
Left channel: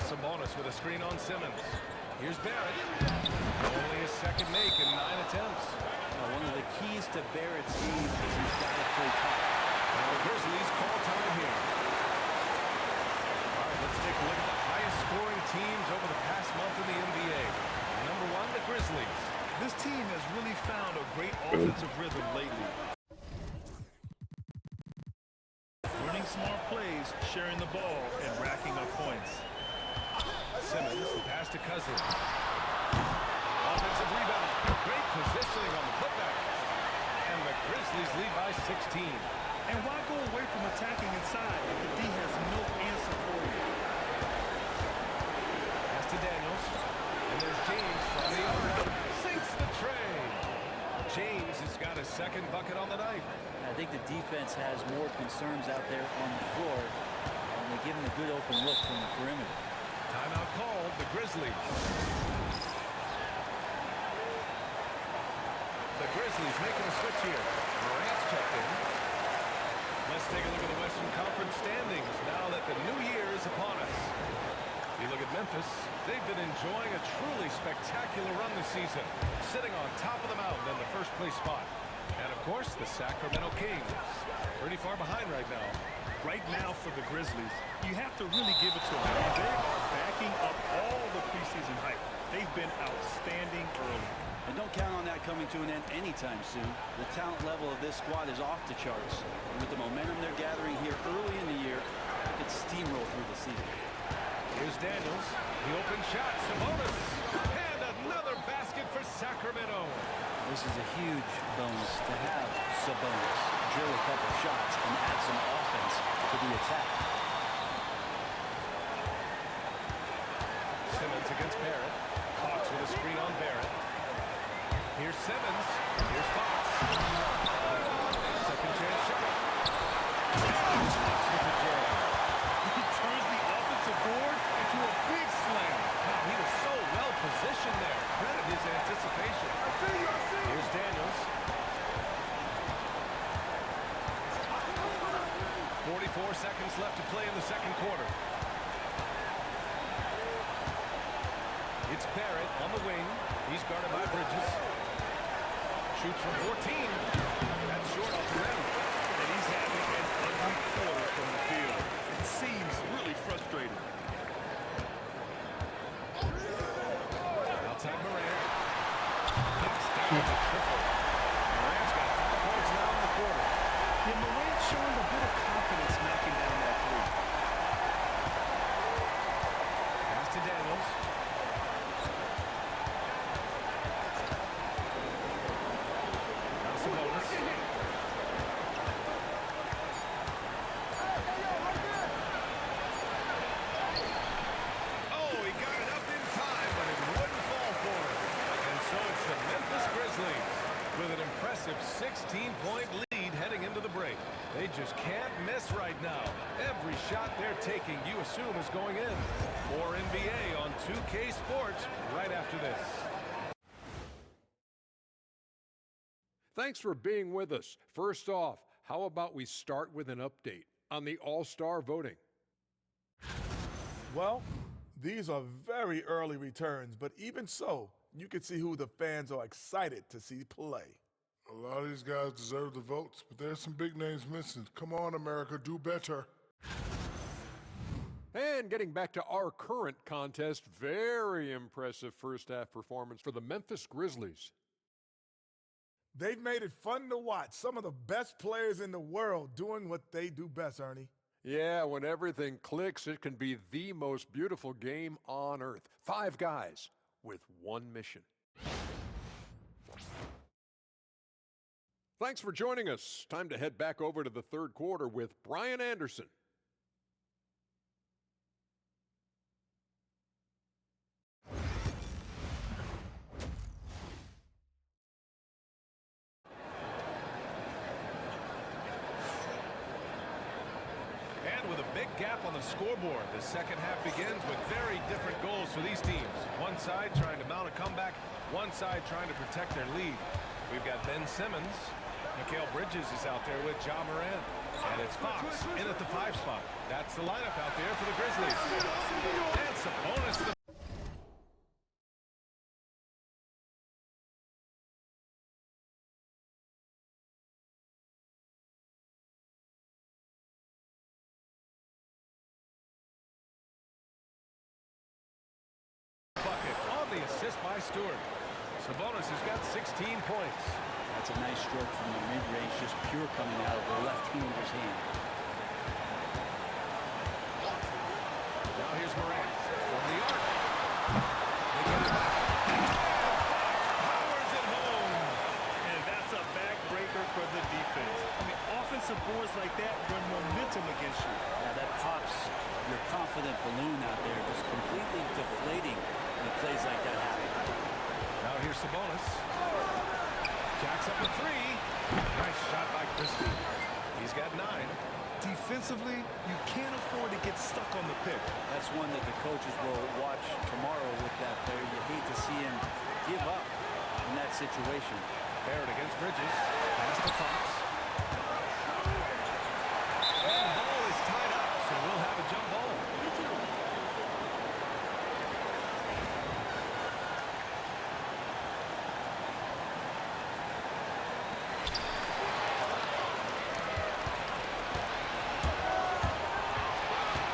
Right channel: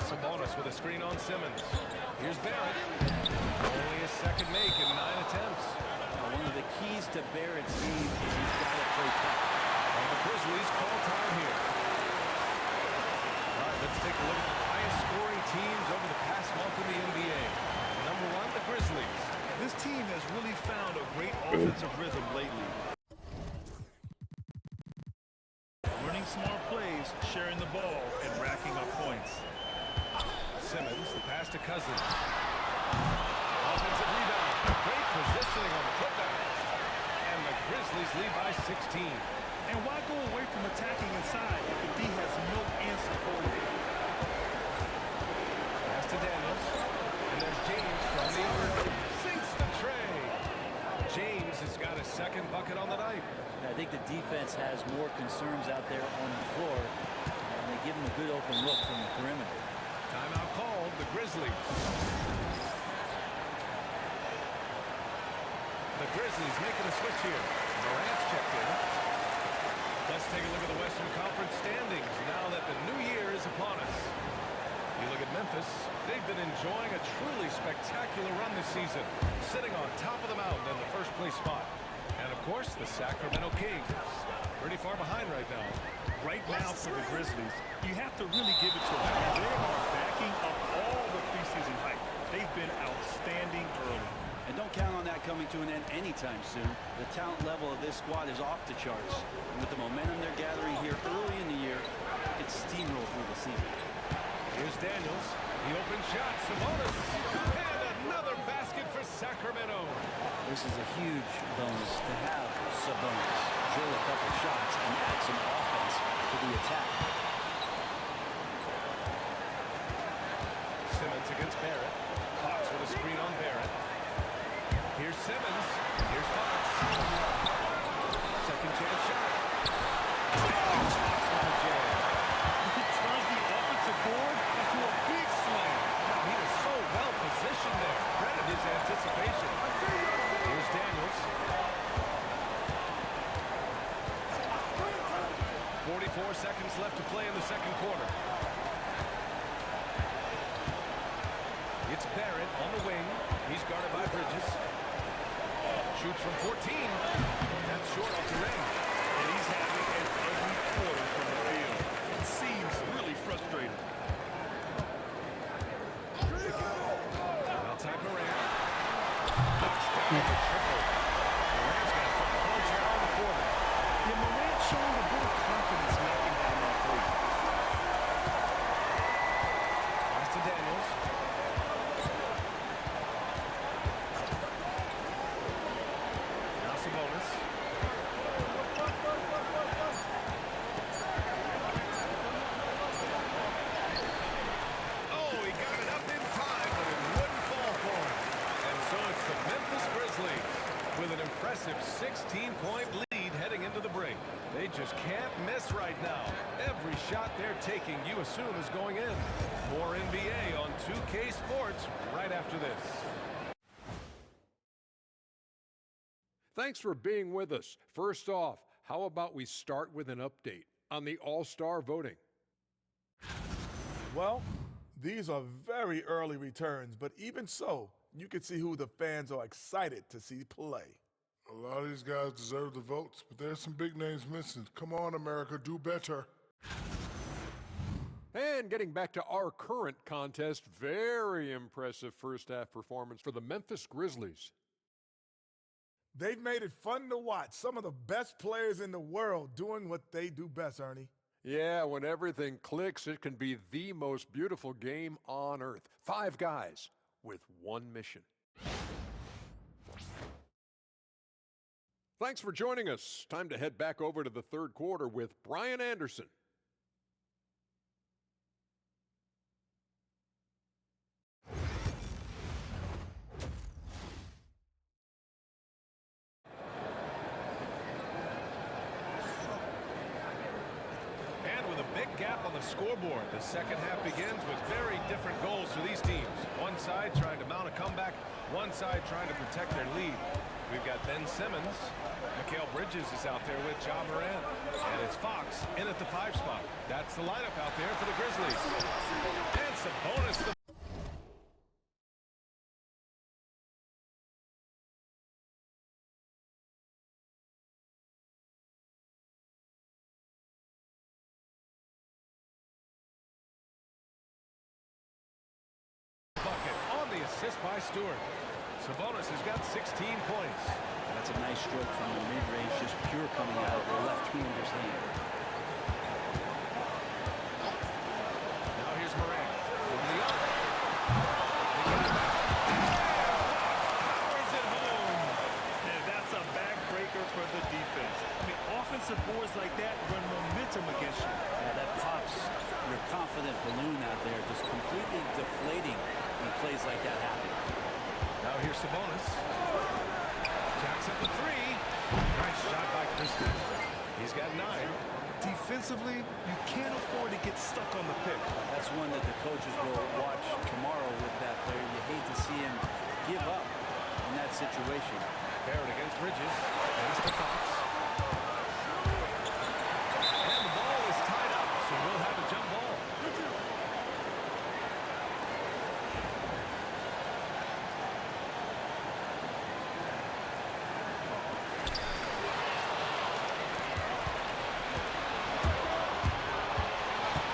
Sabonis with a screen on Simmons. Here's Barrett. Only his second make in 9 attempts. Now, one of the keys to Barrett's game is he's got to play tough. And the Grizzlies call time here. All right, let's take a look at the highest scoring teams over the past month in the NBA. Number 1, the Grizzlies. This team has really found a great offensive rhythm lately. Running smart plays, sharing the ball, and racking up points. Simmons, the pass to Cousins. Offensive rebound. Great positioning on the putback. And the Grizzlies lead by 16. And why go away from attacking inside if the D has no answer for you? Pass to Daniels. And there's James from the other end. Sinks the tray. James has got his second bucket on the night. I think the defense has more concerns out there on the floor, and they give him a good open look from the perimeter. Timeout called, the Grizzlies. The Grizzlies making a switch here. Morant's checked in. Let's take a look at the Western Conference standings now that the new year is upon us. You look at Memphis, they've been enjoying a truly spectacular run this season, sitting on top of the mountain in the first place spot. And of course, the Sacramento Kings, pretty far behind right now. Right now for the Grizzlies, you have to really give it to them. And they are backing up all the preseason hype. They've been outstanding early. And don't count on that coming to an end anytime soon. The talent level of this squad is off the charts. And with the momentum they're gathering here early in the year, they could steamroll through the season. Here's Daniels. The open shot, Sabonis. And another basket for Sacramento. This is a huge bonus to have Sabonis drill a couple shots and add some offense to the attack. Simmons against Barrett. Fox with a screen on Barrett. Here's Simmons. Here's Fox. Second chance shot. And Fox with the jam. He turns the offensive board into a big slam. Wow, he was so well positioned there. Credit his anticipation. Here's Daniels. 44 seconds left to play in the second quarter. It's Barrett on the wing. He's guarded by Bridges. Shoots from 14. That's short off the rim. And he's having an ugly quarter from the field. It seems really frustrating. Outside Morant. Knocks down the triple. Morant's got 5 points now in the quarter. Yeah, Morant showing a bit of confidence knocking down that three. Pass to Daniels. Now Sabonis. Oh, he got it up in time, but it wouldn't fall for him. And so it's the Memphis Grizzlies with an impressive 16-point lead heading into the break. They just can't miss right now. Every shot they're taking, you assume, is going in. More NBA on 2K Sports right after this. Thanks for being with us. First off, how about we start with an update on the All-Star voting? Well, these are very early returns, but even so, you can see who the fans are excited to see play. A lot of these guys deserve the votes, but there's some big names missing. Come on, America, do better. And getting back to our current contest, very impressive first-half performance for the Memphis Grizzlies. They've made it fun to watch. Some of the best players in the world doing what they do best, Ernie. Yeah, when everything clicks, it can be the most beautiful game on earth. 5 guys with one mission. Thanks for joining us. Time to head back over to the third quarter with Brian Anderson. And with a big gap on the scoreboard, the second half begins with very different goals for these teams. One side trying to mount a comeback, one side trying to protect their lead. We've got Ben Simmons. Mikal Bridges is out there with Ja Morant. And it's Fox in at the 5 spot. That's the lineup out there for the Grizzlies. And Sabonis the bucket on the assist by Stewart. Sabonis has got 16 points. That's a nice stroke from the mid-range, just pure coming out of the left-hander's hand. Now here's Morant from the arc. They get it back. And Fox powers it home. And that's a backbreaker for the defense. I mean, offensive boards like that run momentum against you. Yeah, that pops your confident balloon out there, just completely deflating when plays like that happen. Now here's Sabonis. Jacks up a 3. Nice shot by Christie. He's got 9. Defensively, you can't afford to get stuck on the pick. That's one that the coaches will watch tomorrow with that player. You hate to see him give up in that situation. Barrett against Bridges. Pass to Fox. And the ball is tied up, so we'll have a jump ball.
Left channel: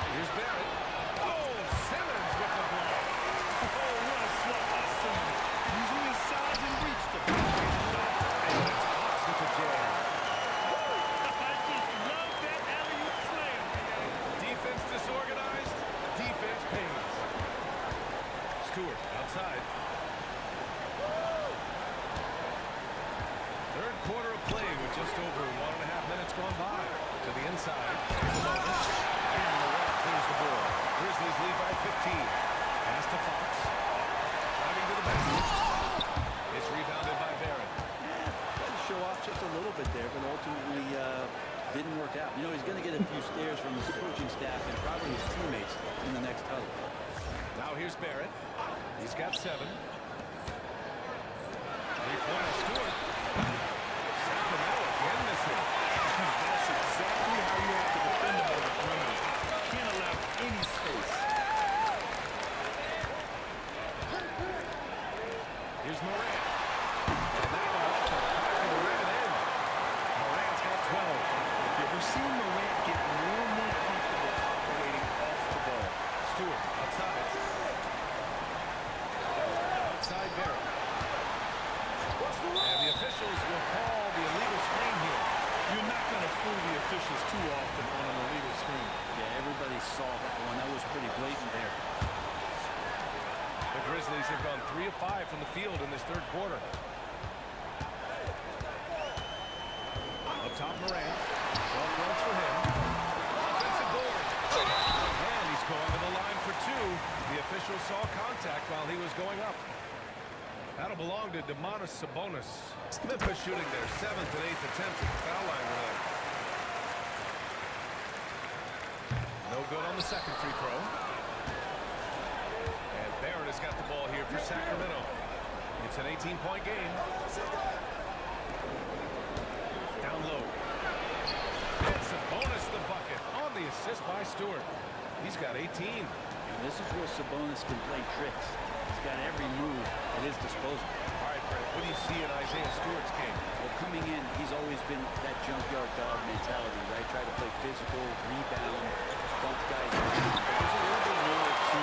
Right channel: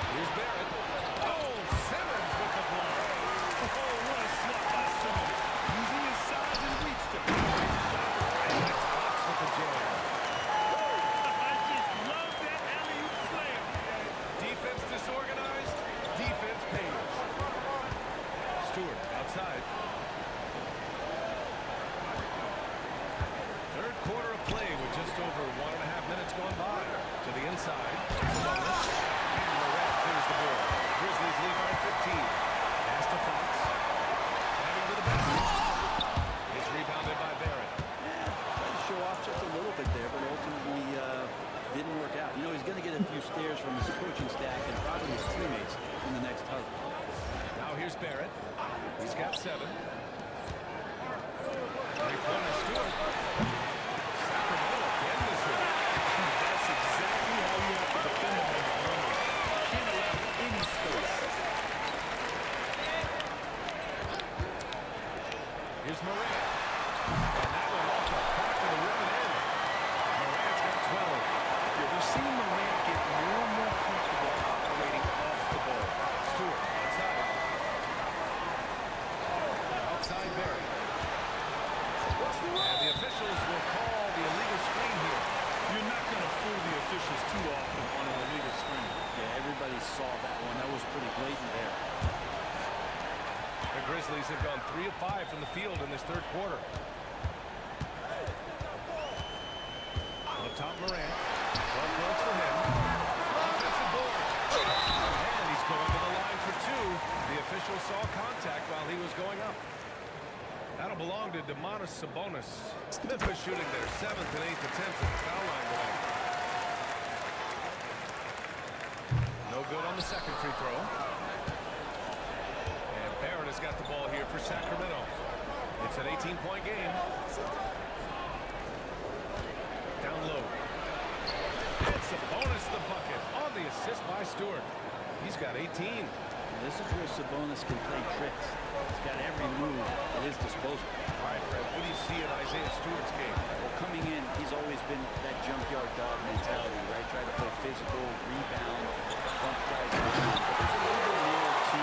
Here's Barrett. Oh, Simmons with the block. Oh, what a swat by Simmons. Using his size and reach to penetrate the shot. And it's Fox with the jam. I just love that alley-oop slam, man. Defense disorganized. Defense pays. Stewart outside. Third quarter of play with just over 1.5 minutes gone by. To the inside. Sabonis. And Morant clears the board. Grizzlies lead by 15. Pass to Fox. Driving to the basket. It's rebounded by Barrett. Yeah, tried to show off just a little bit there, but ultimately didn't work out. You know, he's going to get a few stares from his coaching staff and probably his teammates in the next huddle. Now here's Barrett. He's got 7. Three-pointer Stewart. Sacramento again missing. That's exactly how you have to defend them on the perimeter. Can't allow any space. We're seeing Morant get more and more comfortable operating off the ball. Stewart outside. Outside Barrett. And the officials will call the illegal screen here. You're not going to fool the officials too often on an illegal screen. Yeah, everybody saw that one. That was pretty blatant there. The Grizzlies have gone 3 of 5 from the field in this third quarter. Up top, Morant. 12 points for him. Offensive board. And he's going to the line for 2. The official saw contact while he was going up. That'll belong to Sabonis. Memphis shooting their 7th and 8th attempts at the foul line tonight. No good on the second free throw. And Barrett has got the ball here for Sacramento. It's an 18-point game. Down low. And Sabonis the bucket on the assist by Stewart. He's got 18. And this is where Sabonis can play tricks. He's got every move at his disposal. All right, Brett, what do you see in Isaiah Stewart's game? Well, coming in, he's always been that junkyard dog mentality, right? Try to play physical, rebound, bump guys around. But there's a little bit more to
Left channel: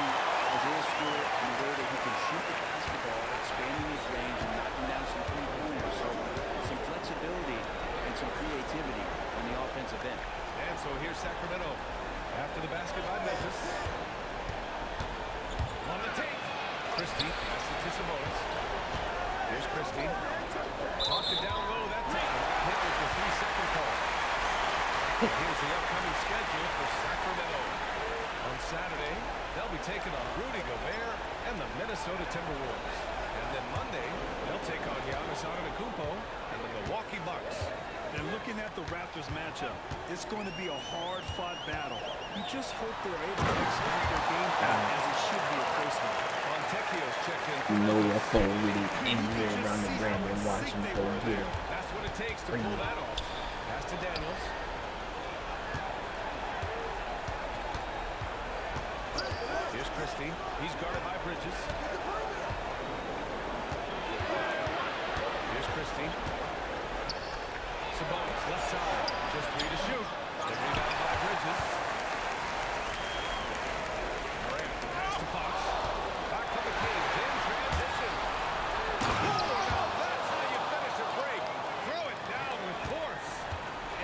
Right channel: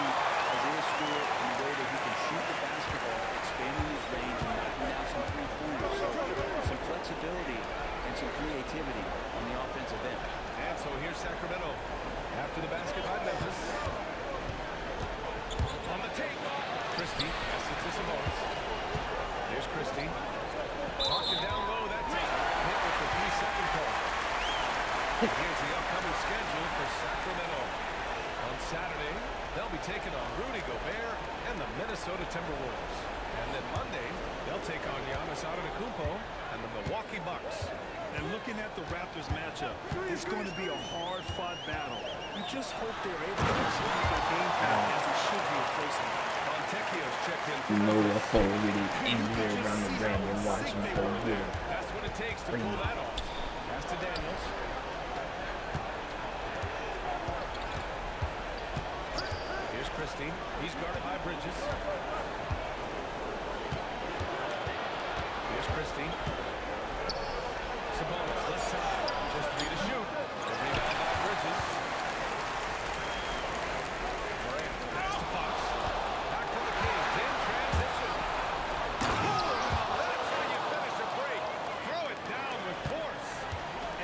Isaiah Stewart in the way that he can shoot the basketball, expanding his range and knocking down some three-pointers. So some flexibility and some creativity on the offensive end. And so here's Sacramento. After the basket by Memphis. On the take. Christie passes it to Sabonis. Here's Christie. Marked it down low. That take got hit with the 3-second call. Here's the upcoming schedule for Sacramento. On Saturday, they'll be taking on Rudy Gobert and the Minnesota Timberwolves. And then Monday, they'll take on Giannis Antetokounmpo and the Milwaukee Bucks. And looking at the Raptors matchup, it's going to be a hard-fought battle. You just hope they're able to execute their game plan as it should be a close one. Fontecchio's checked in for You know Memphis. that pole really anywhere around the rim and watching the whole game. That's what it takes to pull that off. Pass to Daniels. Here's Christie. He's guarded by Bridges. Here's Christie. Sabonis, left side. Just 3 to shoot. The rebound by Bridges. Morant, pass to Fox. Back to the Kings in transition. Ooh, now that's how you finish a break. Throw it down with force.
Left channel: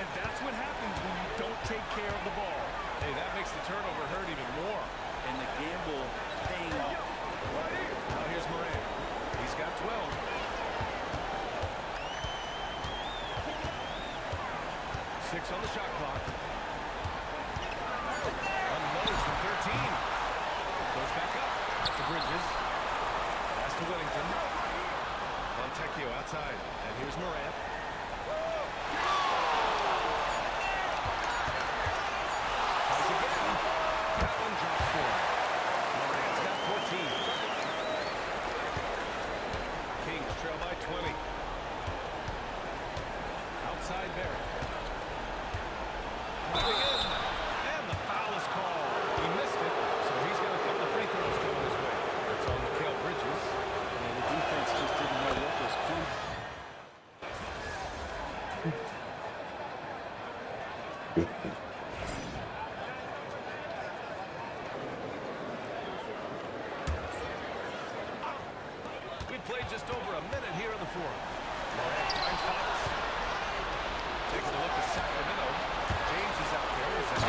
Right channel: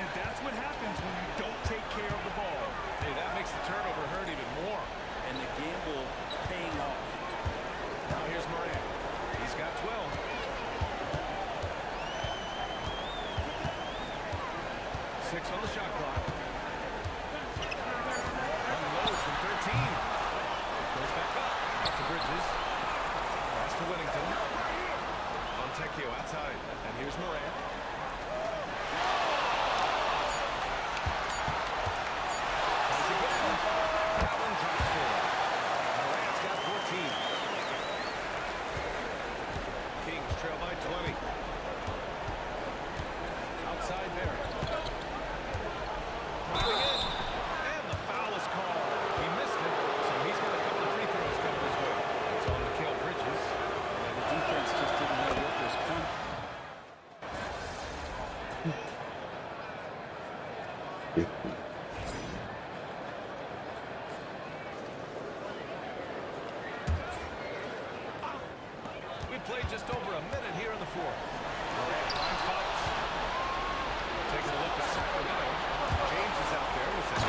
And that's what happens when you don't take care of the ball. Hey, that makes the turnover hurt even more. And the gamble paying off. Now here's Morant. He's got 12. 6 on the shot clock. Unloads from 13. Goes back up. Out to Bridges. Pass to Whittington. Fontecchio outside. And here's Morant. Tries again. That one drops for him. Morant's got 14. Kings trail by 20. Outside Barrett. Driving in. And the foul is called. He missed it, so he's got a couple of free throws coming his way. That's on Mikal Bridges. Yeah, the defense just didn't know what was coming. We played just over a minute here in the fourth. Morant finds Fox. Taking a look at Sacramento. James is out there with that.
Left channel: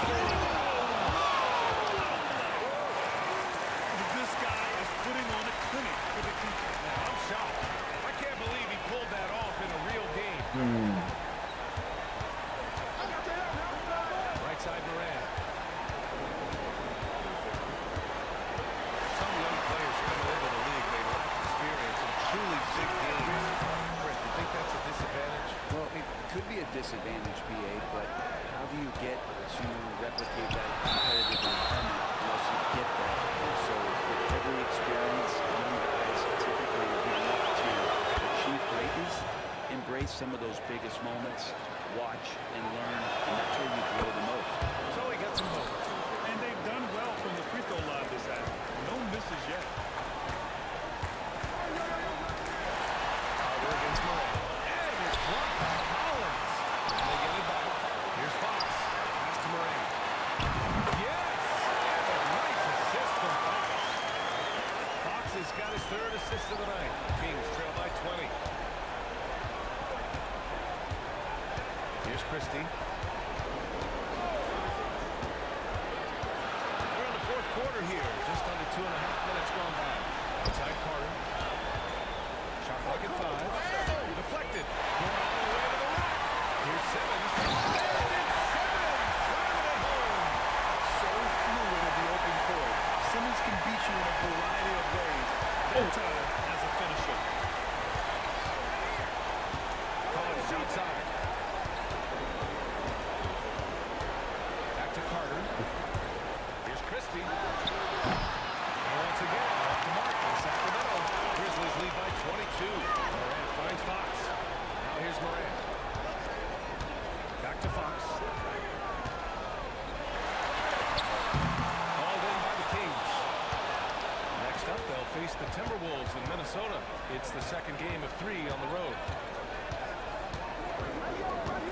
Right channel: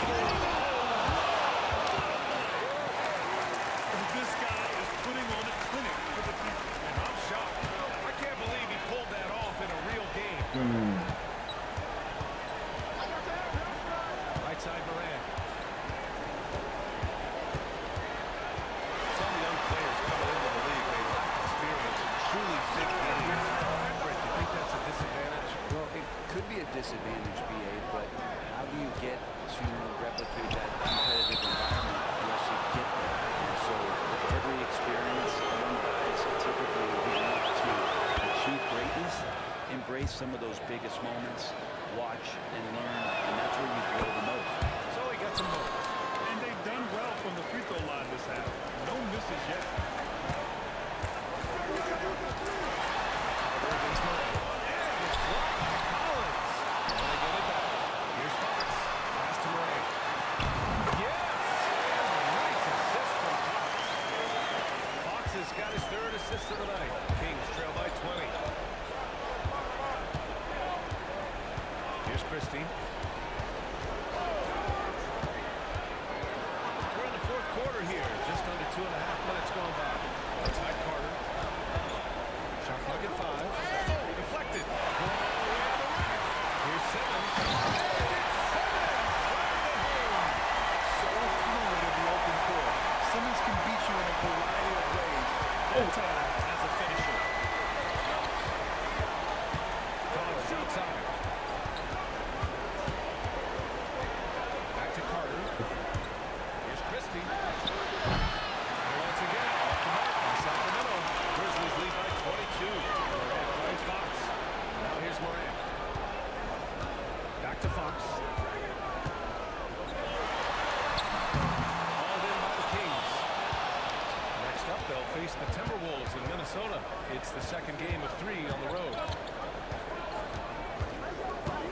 This guy is putting on a clinic for the people. Yeah, I'm shocked. I can't believe he pulled that off in a real game. Right side Morant. Some young players coming into the league may lack experience in truly big games. Brent, you think that's a disadvantage? Well, it could be a disadvantage, BA, but how do you get to replicate that competitive environment unless you get there? So with every experience, young guys typically who want to achieve greatness, embrace some of those biggest moments, watch and learn, and that's where you grow the most. So he gets them both. And they've done well from the free throw line this half. No misses yet. Carter against Morant. And it's blocked by Collins. And they get it back. Here's Fox. of the night. Kings trail by 20. Here's Christie. We're in the fourth quarter here. Just under 2.5 minutes gone by. Outside Carter. Shot clock at 5. Oh, deflected. Going all the way to the rack. Here's Simmons. And it's Simmons. Slamming it home. So fluid at the open court. Simmons can beat you in a variety of ways. That time as a finisher. Collins outside. Back to Carter. Here's Christie. And once again, off the mark by Sacramento. Grizzlies lead by 22. Morant finds Fox. Now here's Morant. Back to Fox. Hauled in by the Kings. Next up, they'll face the Timberwolves in Minnesota. It's the second game of 3 on the road.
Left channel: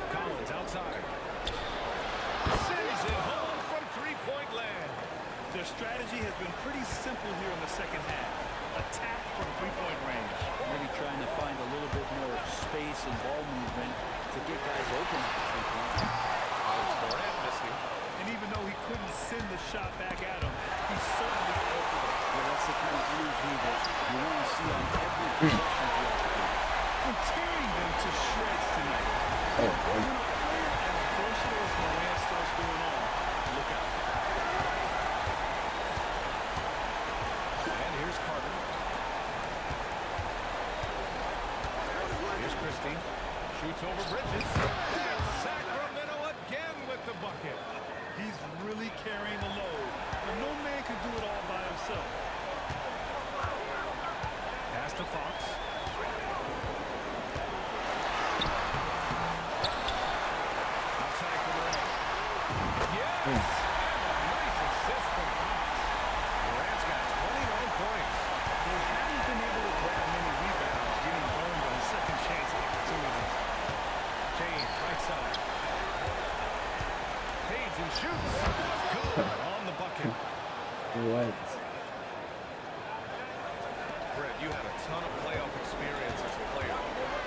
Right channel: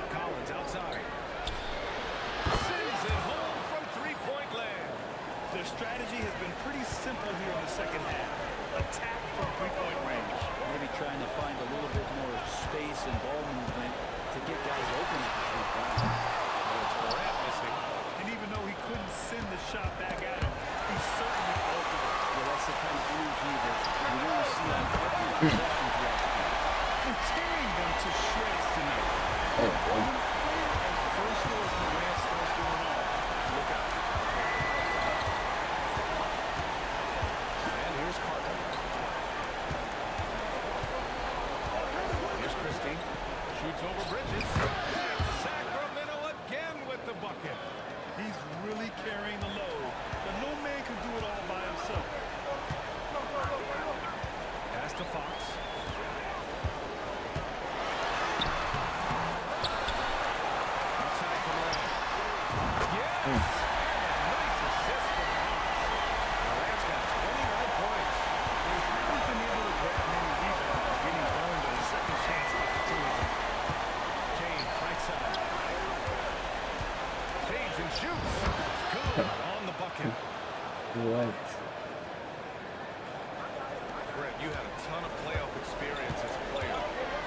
Collins outside. Sends it home from three-point land. Their strategy has been pretty simple here in the second half. Attack from three-point range. Maybe trying to find a little bit more space and ball movement to get guys open at the three-point line. Well, it's Morant missing. And even though he couldn't send the shot back at him, he certainly opened it. Yeah, that's the kind of energy that you want to see on every possession throughout the game. And tearing them to shreds tonight. Oh, boy. When a player as versatile as Morant starts going off, look out. And here's Carter. Here's Christie. Shoots over Bridges. And Sacramento again with the bucket. He's really carrying the load, but no man can do it all by himself. Pass to Fox. Outside for Morant. Yes! And a nice assist from Fox. Morant's got 29 points. They haven't been able to grab many rebounds, getting burned on second chance opportunities. James, right side. Fades and shoots. Good on the bucket. What? Brett, you had a ton of playoff experience as a player.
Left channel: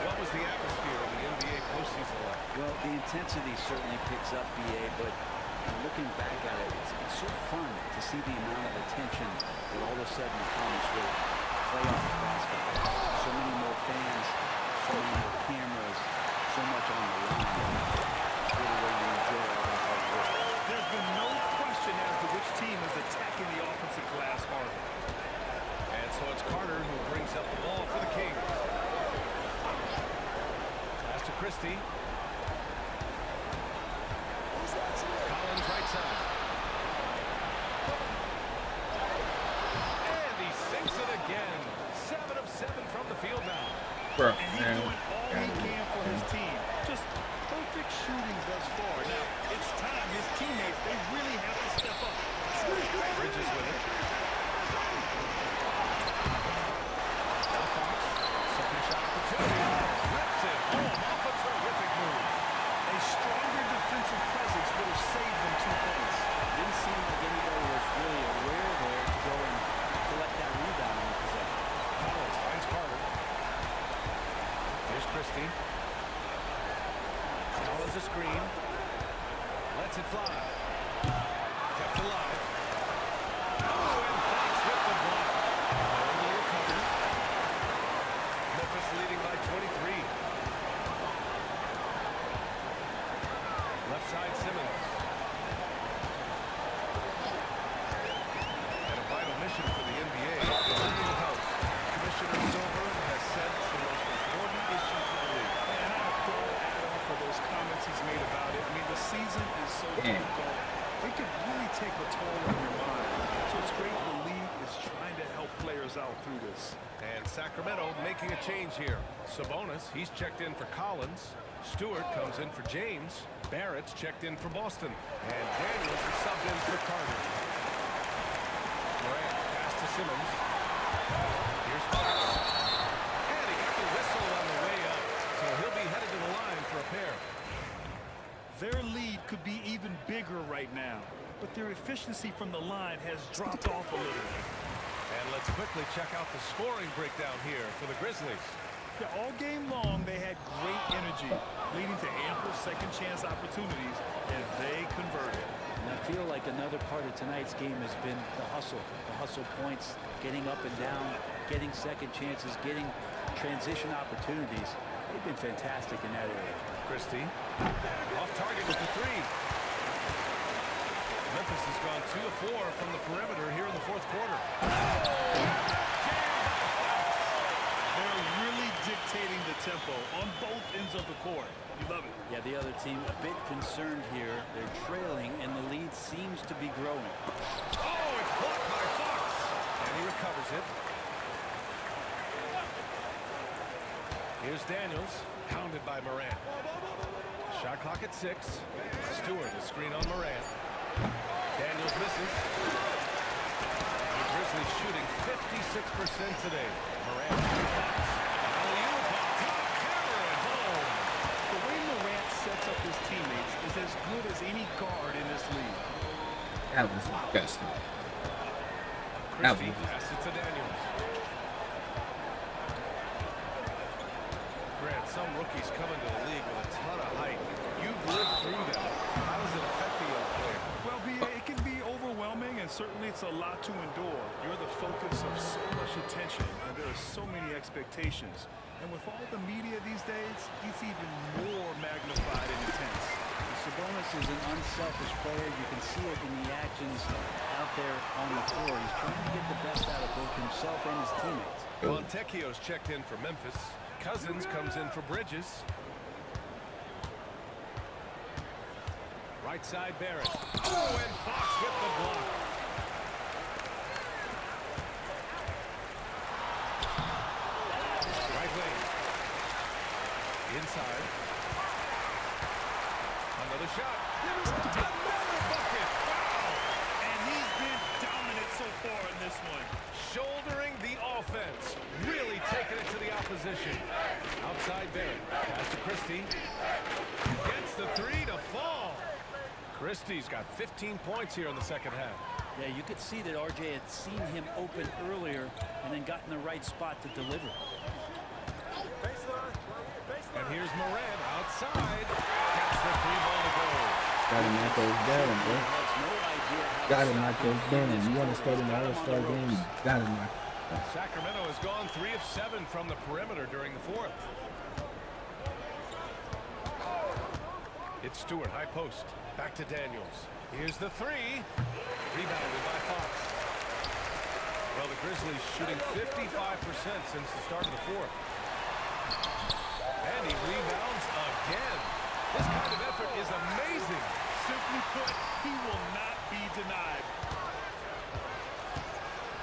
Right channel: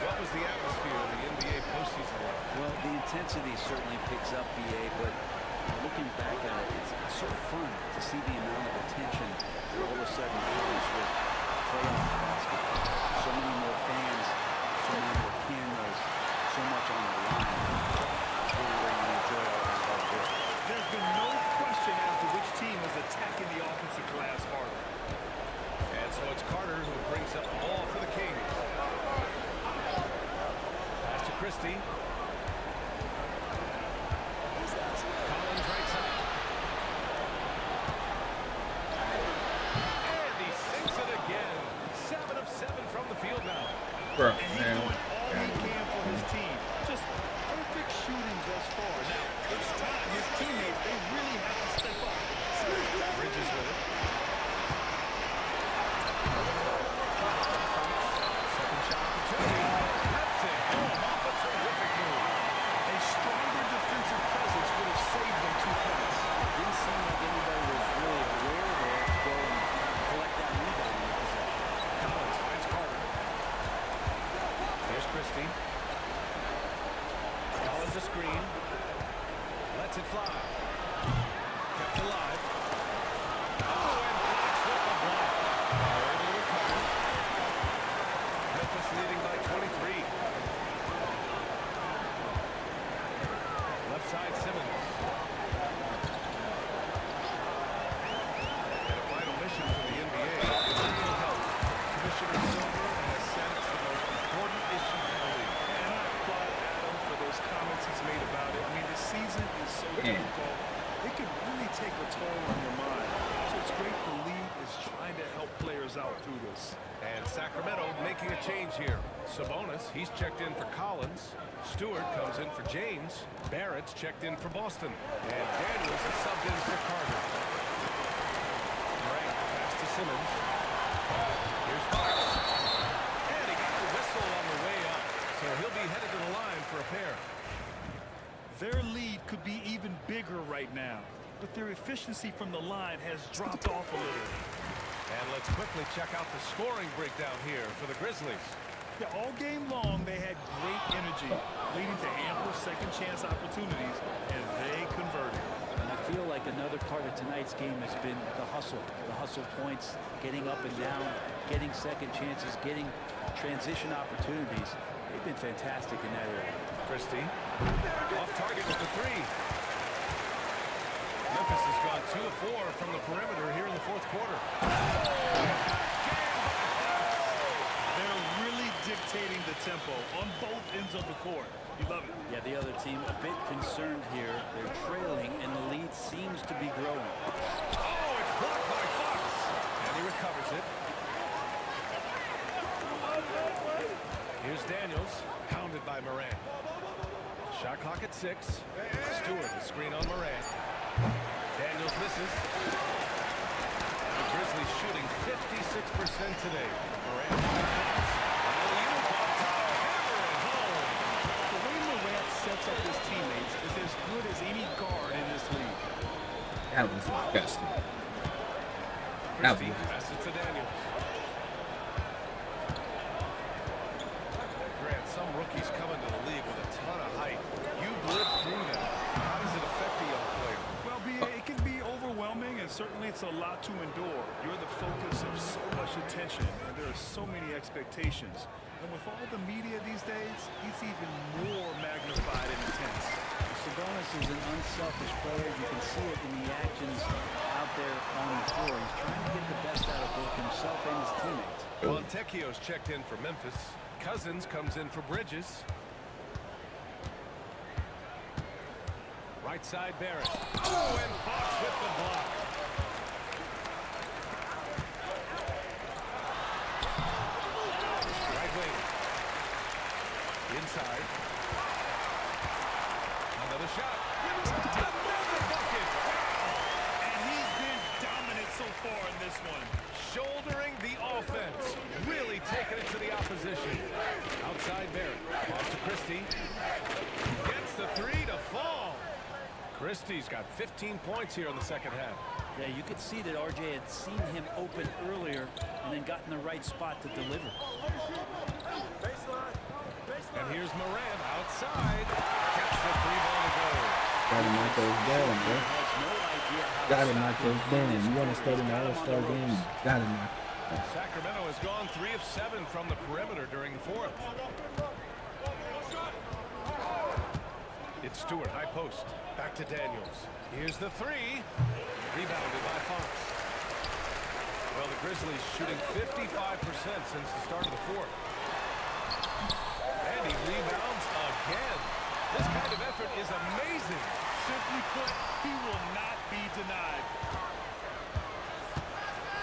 What was the atmosphere of the NBA postseason like? Well, the intensity certainly picks up, BA, but looking back at it, it's so fun to see the amount of attention that all of a sudden comes with playoff basketball. So many more fans, so many more cameras, so much on the line. It's really where you enjoy all that hard work. There's been no question as to which team is attacking the offensive glass harder. And so it's Carter who brings up the ball for the Kings. Pass to Christie. Collins right side. And he sinks it again. 7 of 7 from the field now. Bro, And he's doing all he can for his team. Just perfect shooting thus far. Now, it's time his teammates, they really have to step up. Bridges with it. Now Fox. Second shot opportunity. Rips it home off a terrific move. A stronger defensive presence would have saved them 2 points. Didn't seem like anybody was really aware there to go and collect that rebound in the possession. Collins finds Carter. Here's Christie. Collins a screen. Lets it fly. Kept alive. Oh, and Fox with the block. They're able to recover. Memphis leading by 23. Left side Simmons. And a vital mission for the NBA, mental health. Commissioner Silver has said it's the most important issue for the league. And I applaud Adam for those comments he's made about it. I mean, the season is so difficult. It could really take a toll on your mind. So it's great the league is trying to help players out through this. And Sacramento making a change here. Sabonis, he's checked in for Collins. Stewart comes in for James. Barrett's checked in for Boston. And Daniels is subbed in for Carter. Morant, pass to Simmons. Here's Fox. And he got the whistle on the way up. So he'll be headed to the line for a pair. Their lead could be even bigger right now, but their efficiency from the line has dropped off a little. And let's quickly check out the scoring breakdown here for the Grizzlies. Yeah, all game long, they had great energy, leading to ample second chance opportunities, and they converted. And I feel like another part of tonight's game has been the hustle points, getting up and down, getting second chances, getting transition opportunities. They've been fantastic in that area. Christie, off target with the three. Memphis has gone 2 of 4 from the perimeter here in the fourth quarter. They're really dictating the tempo on both ends of the court. You love it. Yeah, the other team a bit concerned here. They're trailing, and the lead seems to be growing. Oh, it's blocked by Fox. And he recovers it. Here's Daniels, hounded by Morant. Shot clock at 6. Stewart, a screen on Morant. Daniels misses. The Grizzlies shooting 56% today. Morant and Fox. Alley-oop on top, hammer it home. The way Morant sets up his teammates is as good as any guard in this league. That was disgusting. Christie passes it to Daniels. Grant, some rookies come into the league with a ton of height. You've lived through that. How does it affect a young player? Well, it can be overwhelming, and certainly it's a lot to endure. You're the focus of so much attention, and there are so many expectations. And with all the media these days, it's even more magnified and intense. Sabonis is an unselfish player. You can see it in the actions out there on the floor. He's trying to get the best out of both himself and his teammates. Fontecchio's checked in for Memphis. Cousins comes in for Bridges. Right side, Barrett. Oh, and Fox with the block. Right wing. Inside. Another shot. Another bucket. Wow. And he's been dominant so far in this one. Shouldering the offense. Really taking it to the opposition. Outside Barrett. Pass to Christie. Gets the three to fall. Christie's got 15 points here in the second half. Yeah, you could see that RJ had seen him open earlier and then got in the right spot to deliver. And here's Morant outside. Gets the three ball to go. Gotta knock those down, bro. Has no idea how Gotta knock those down. You want to start an all-star game, you gotta knock them. Sacramento has gone 3 of 7 from the perimeter during the fourth. It's Stewart, high post. Back to Daniels. Here's the three. Rebounded by Fox. Well, the Grizzlies shooting 55% since the start of the fourth. And he rebounds again. This kind of effort is amazing. Simply put, he will not be denied.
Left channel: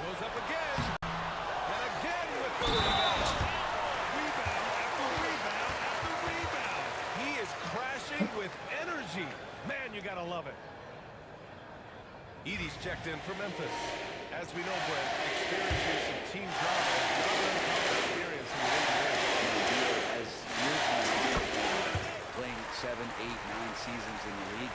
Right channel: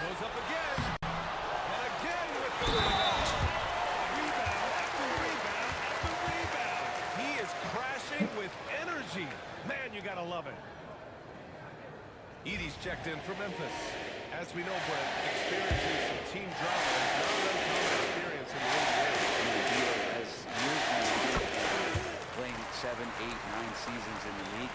Goes up again. And again with the rebound. Rebound after rebound after rebound. He is crashing with energy. Man, you gotta love it. Edie's checked in for Memphis. As we know, Brent, experiencing some team drama is not an uncommon experience in the NBA. As years went on, playing 7, 8, 9 seasons in the league,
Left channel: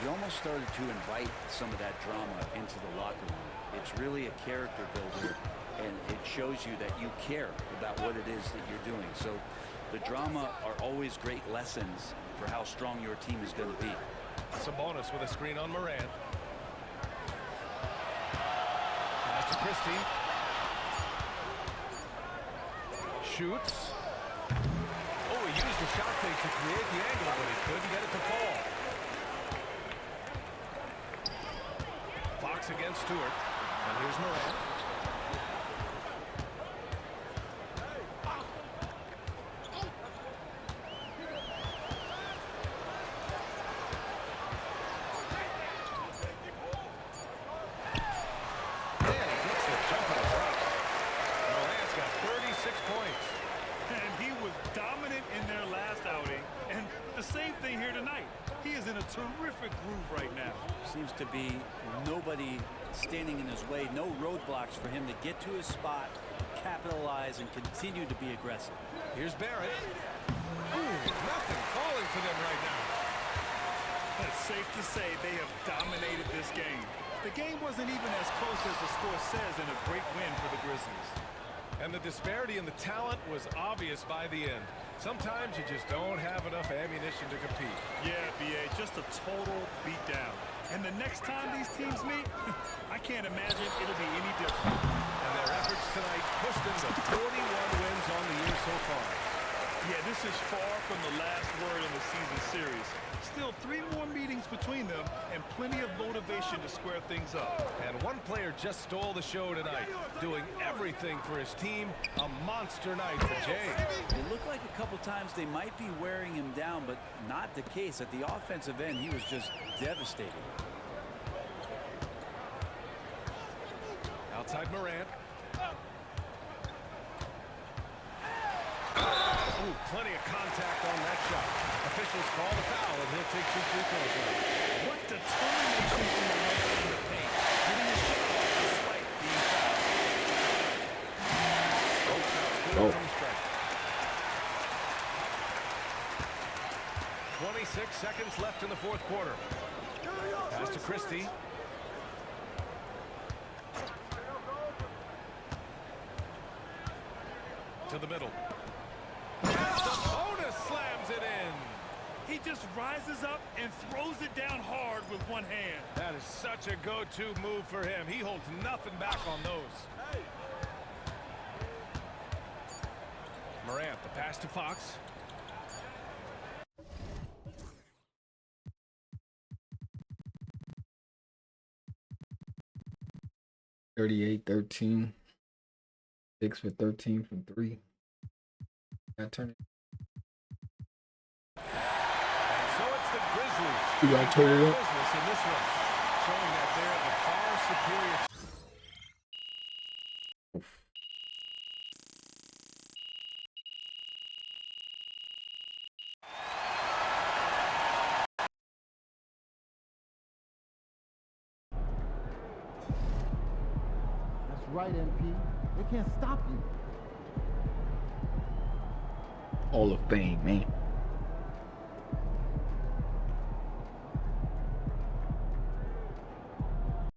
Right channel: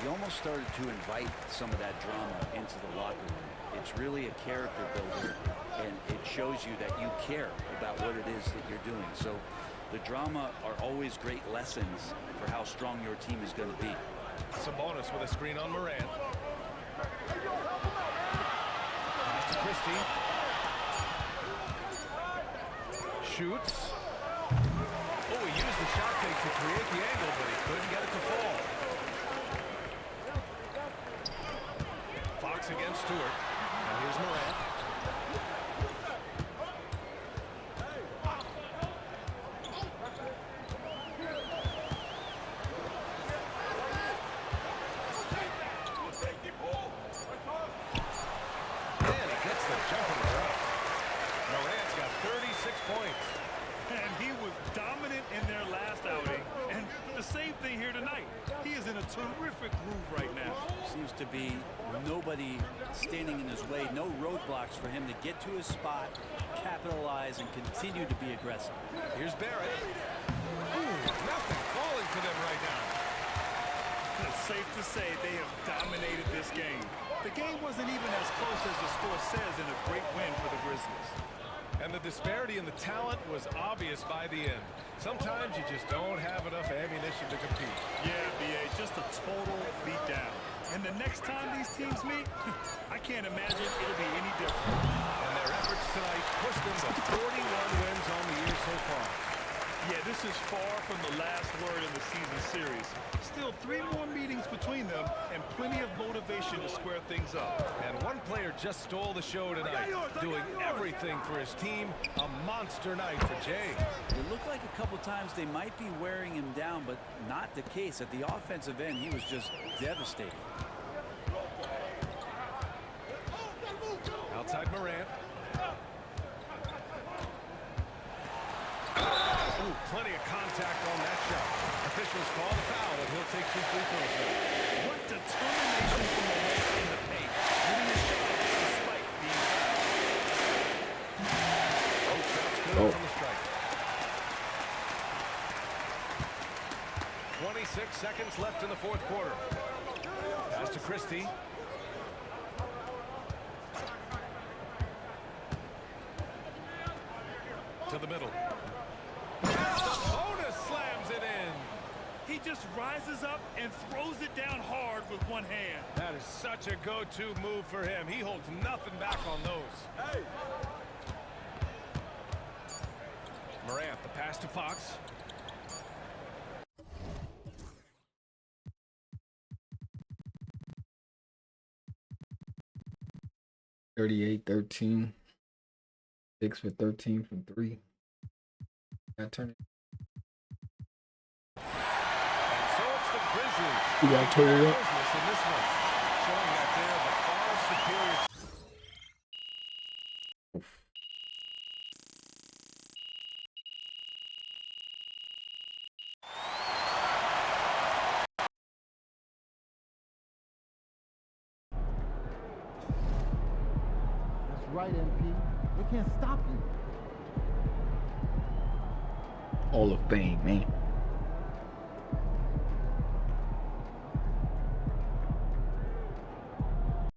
you almost started to invite some of that drama into the locker room. It's really a character builder, and it shows you that you care about what it is that you're doing. So the drama are always great lessons for how strong your team is going to be. Sabonis with a screen on Morant. Pass to Christie. Shoots. Oh, he used the shot fake to create the angle, but he couldn't get it to fall. Fox against Stewart. And here's Morant. Jumper to drop. Morant's got 36 points. And he was dominant in their last outing. And the same thing here tonight. He is in a terrific groove right now. Seems to be nobody standing in his way. No roadblocks for him to get to his spot, capitalize, and continue to be aggressive. Here's Barrett. Ooh, nothing falling for them right now. It's safe to say they have dominated this game. The game wasn't even as close as the score says in a great win for the Grizzlies. And the disparity in the talent was obvious by the end. Sometimes you just don't have enough ammunition to compete. Yeah, B.A., just a total beatdown. And the next time these teams meet, I can't imagine it'll be any different. And their efforts tonight pushed them to 41 wins on the year so far. Yeah, this is far from the last word in the season series. Still 3 more meetings between them and plenty of motivation to square things up. And one player just stole the show tonight, doing everything for his team. A monster night for Jay. It looked like a couple times they might be wearing him down, but not the case. At the offensive end, he was just devastating. Outside Morant. Ooh, plenty of contact on that shot. Officials call the foul, and he'll take 2 free throws now. What determination from Morant in the paint, getting his shot off despite being fouled. Both shots good from the strike. 26 seconds left in the fourth quarter. Pass to Christie. To the middle. Sabonis slams it in. He just rises up and throws it down hard with one hand. That is such a go-to move for him. He holds nothing back on those. Morant, the pass to Fox. $38-13. 6 for 13 from 3. That turn it. And so it's the Grizzlies You gotta turn it up. business in this one, showing that they're the far superior. That's right, MP. They can't stop you. Hall of Fame, man.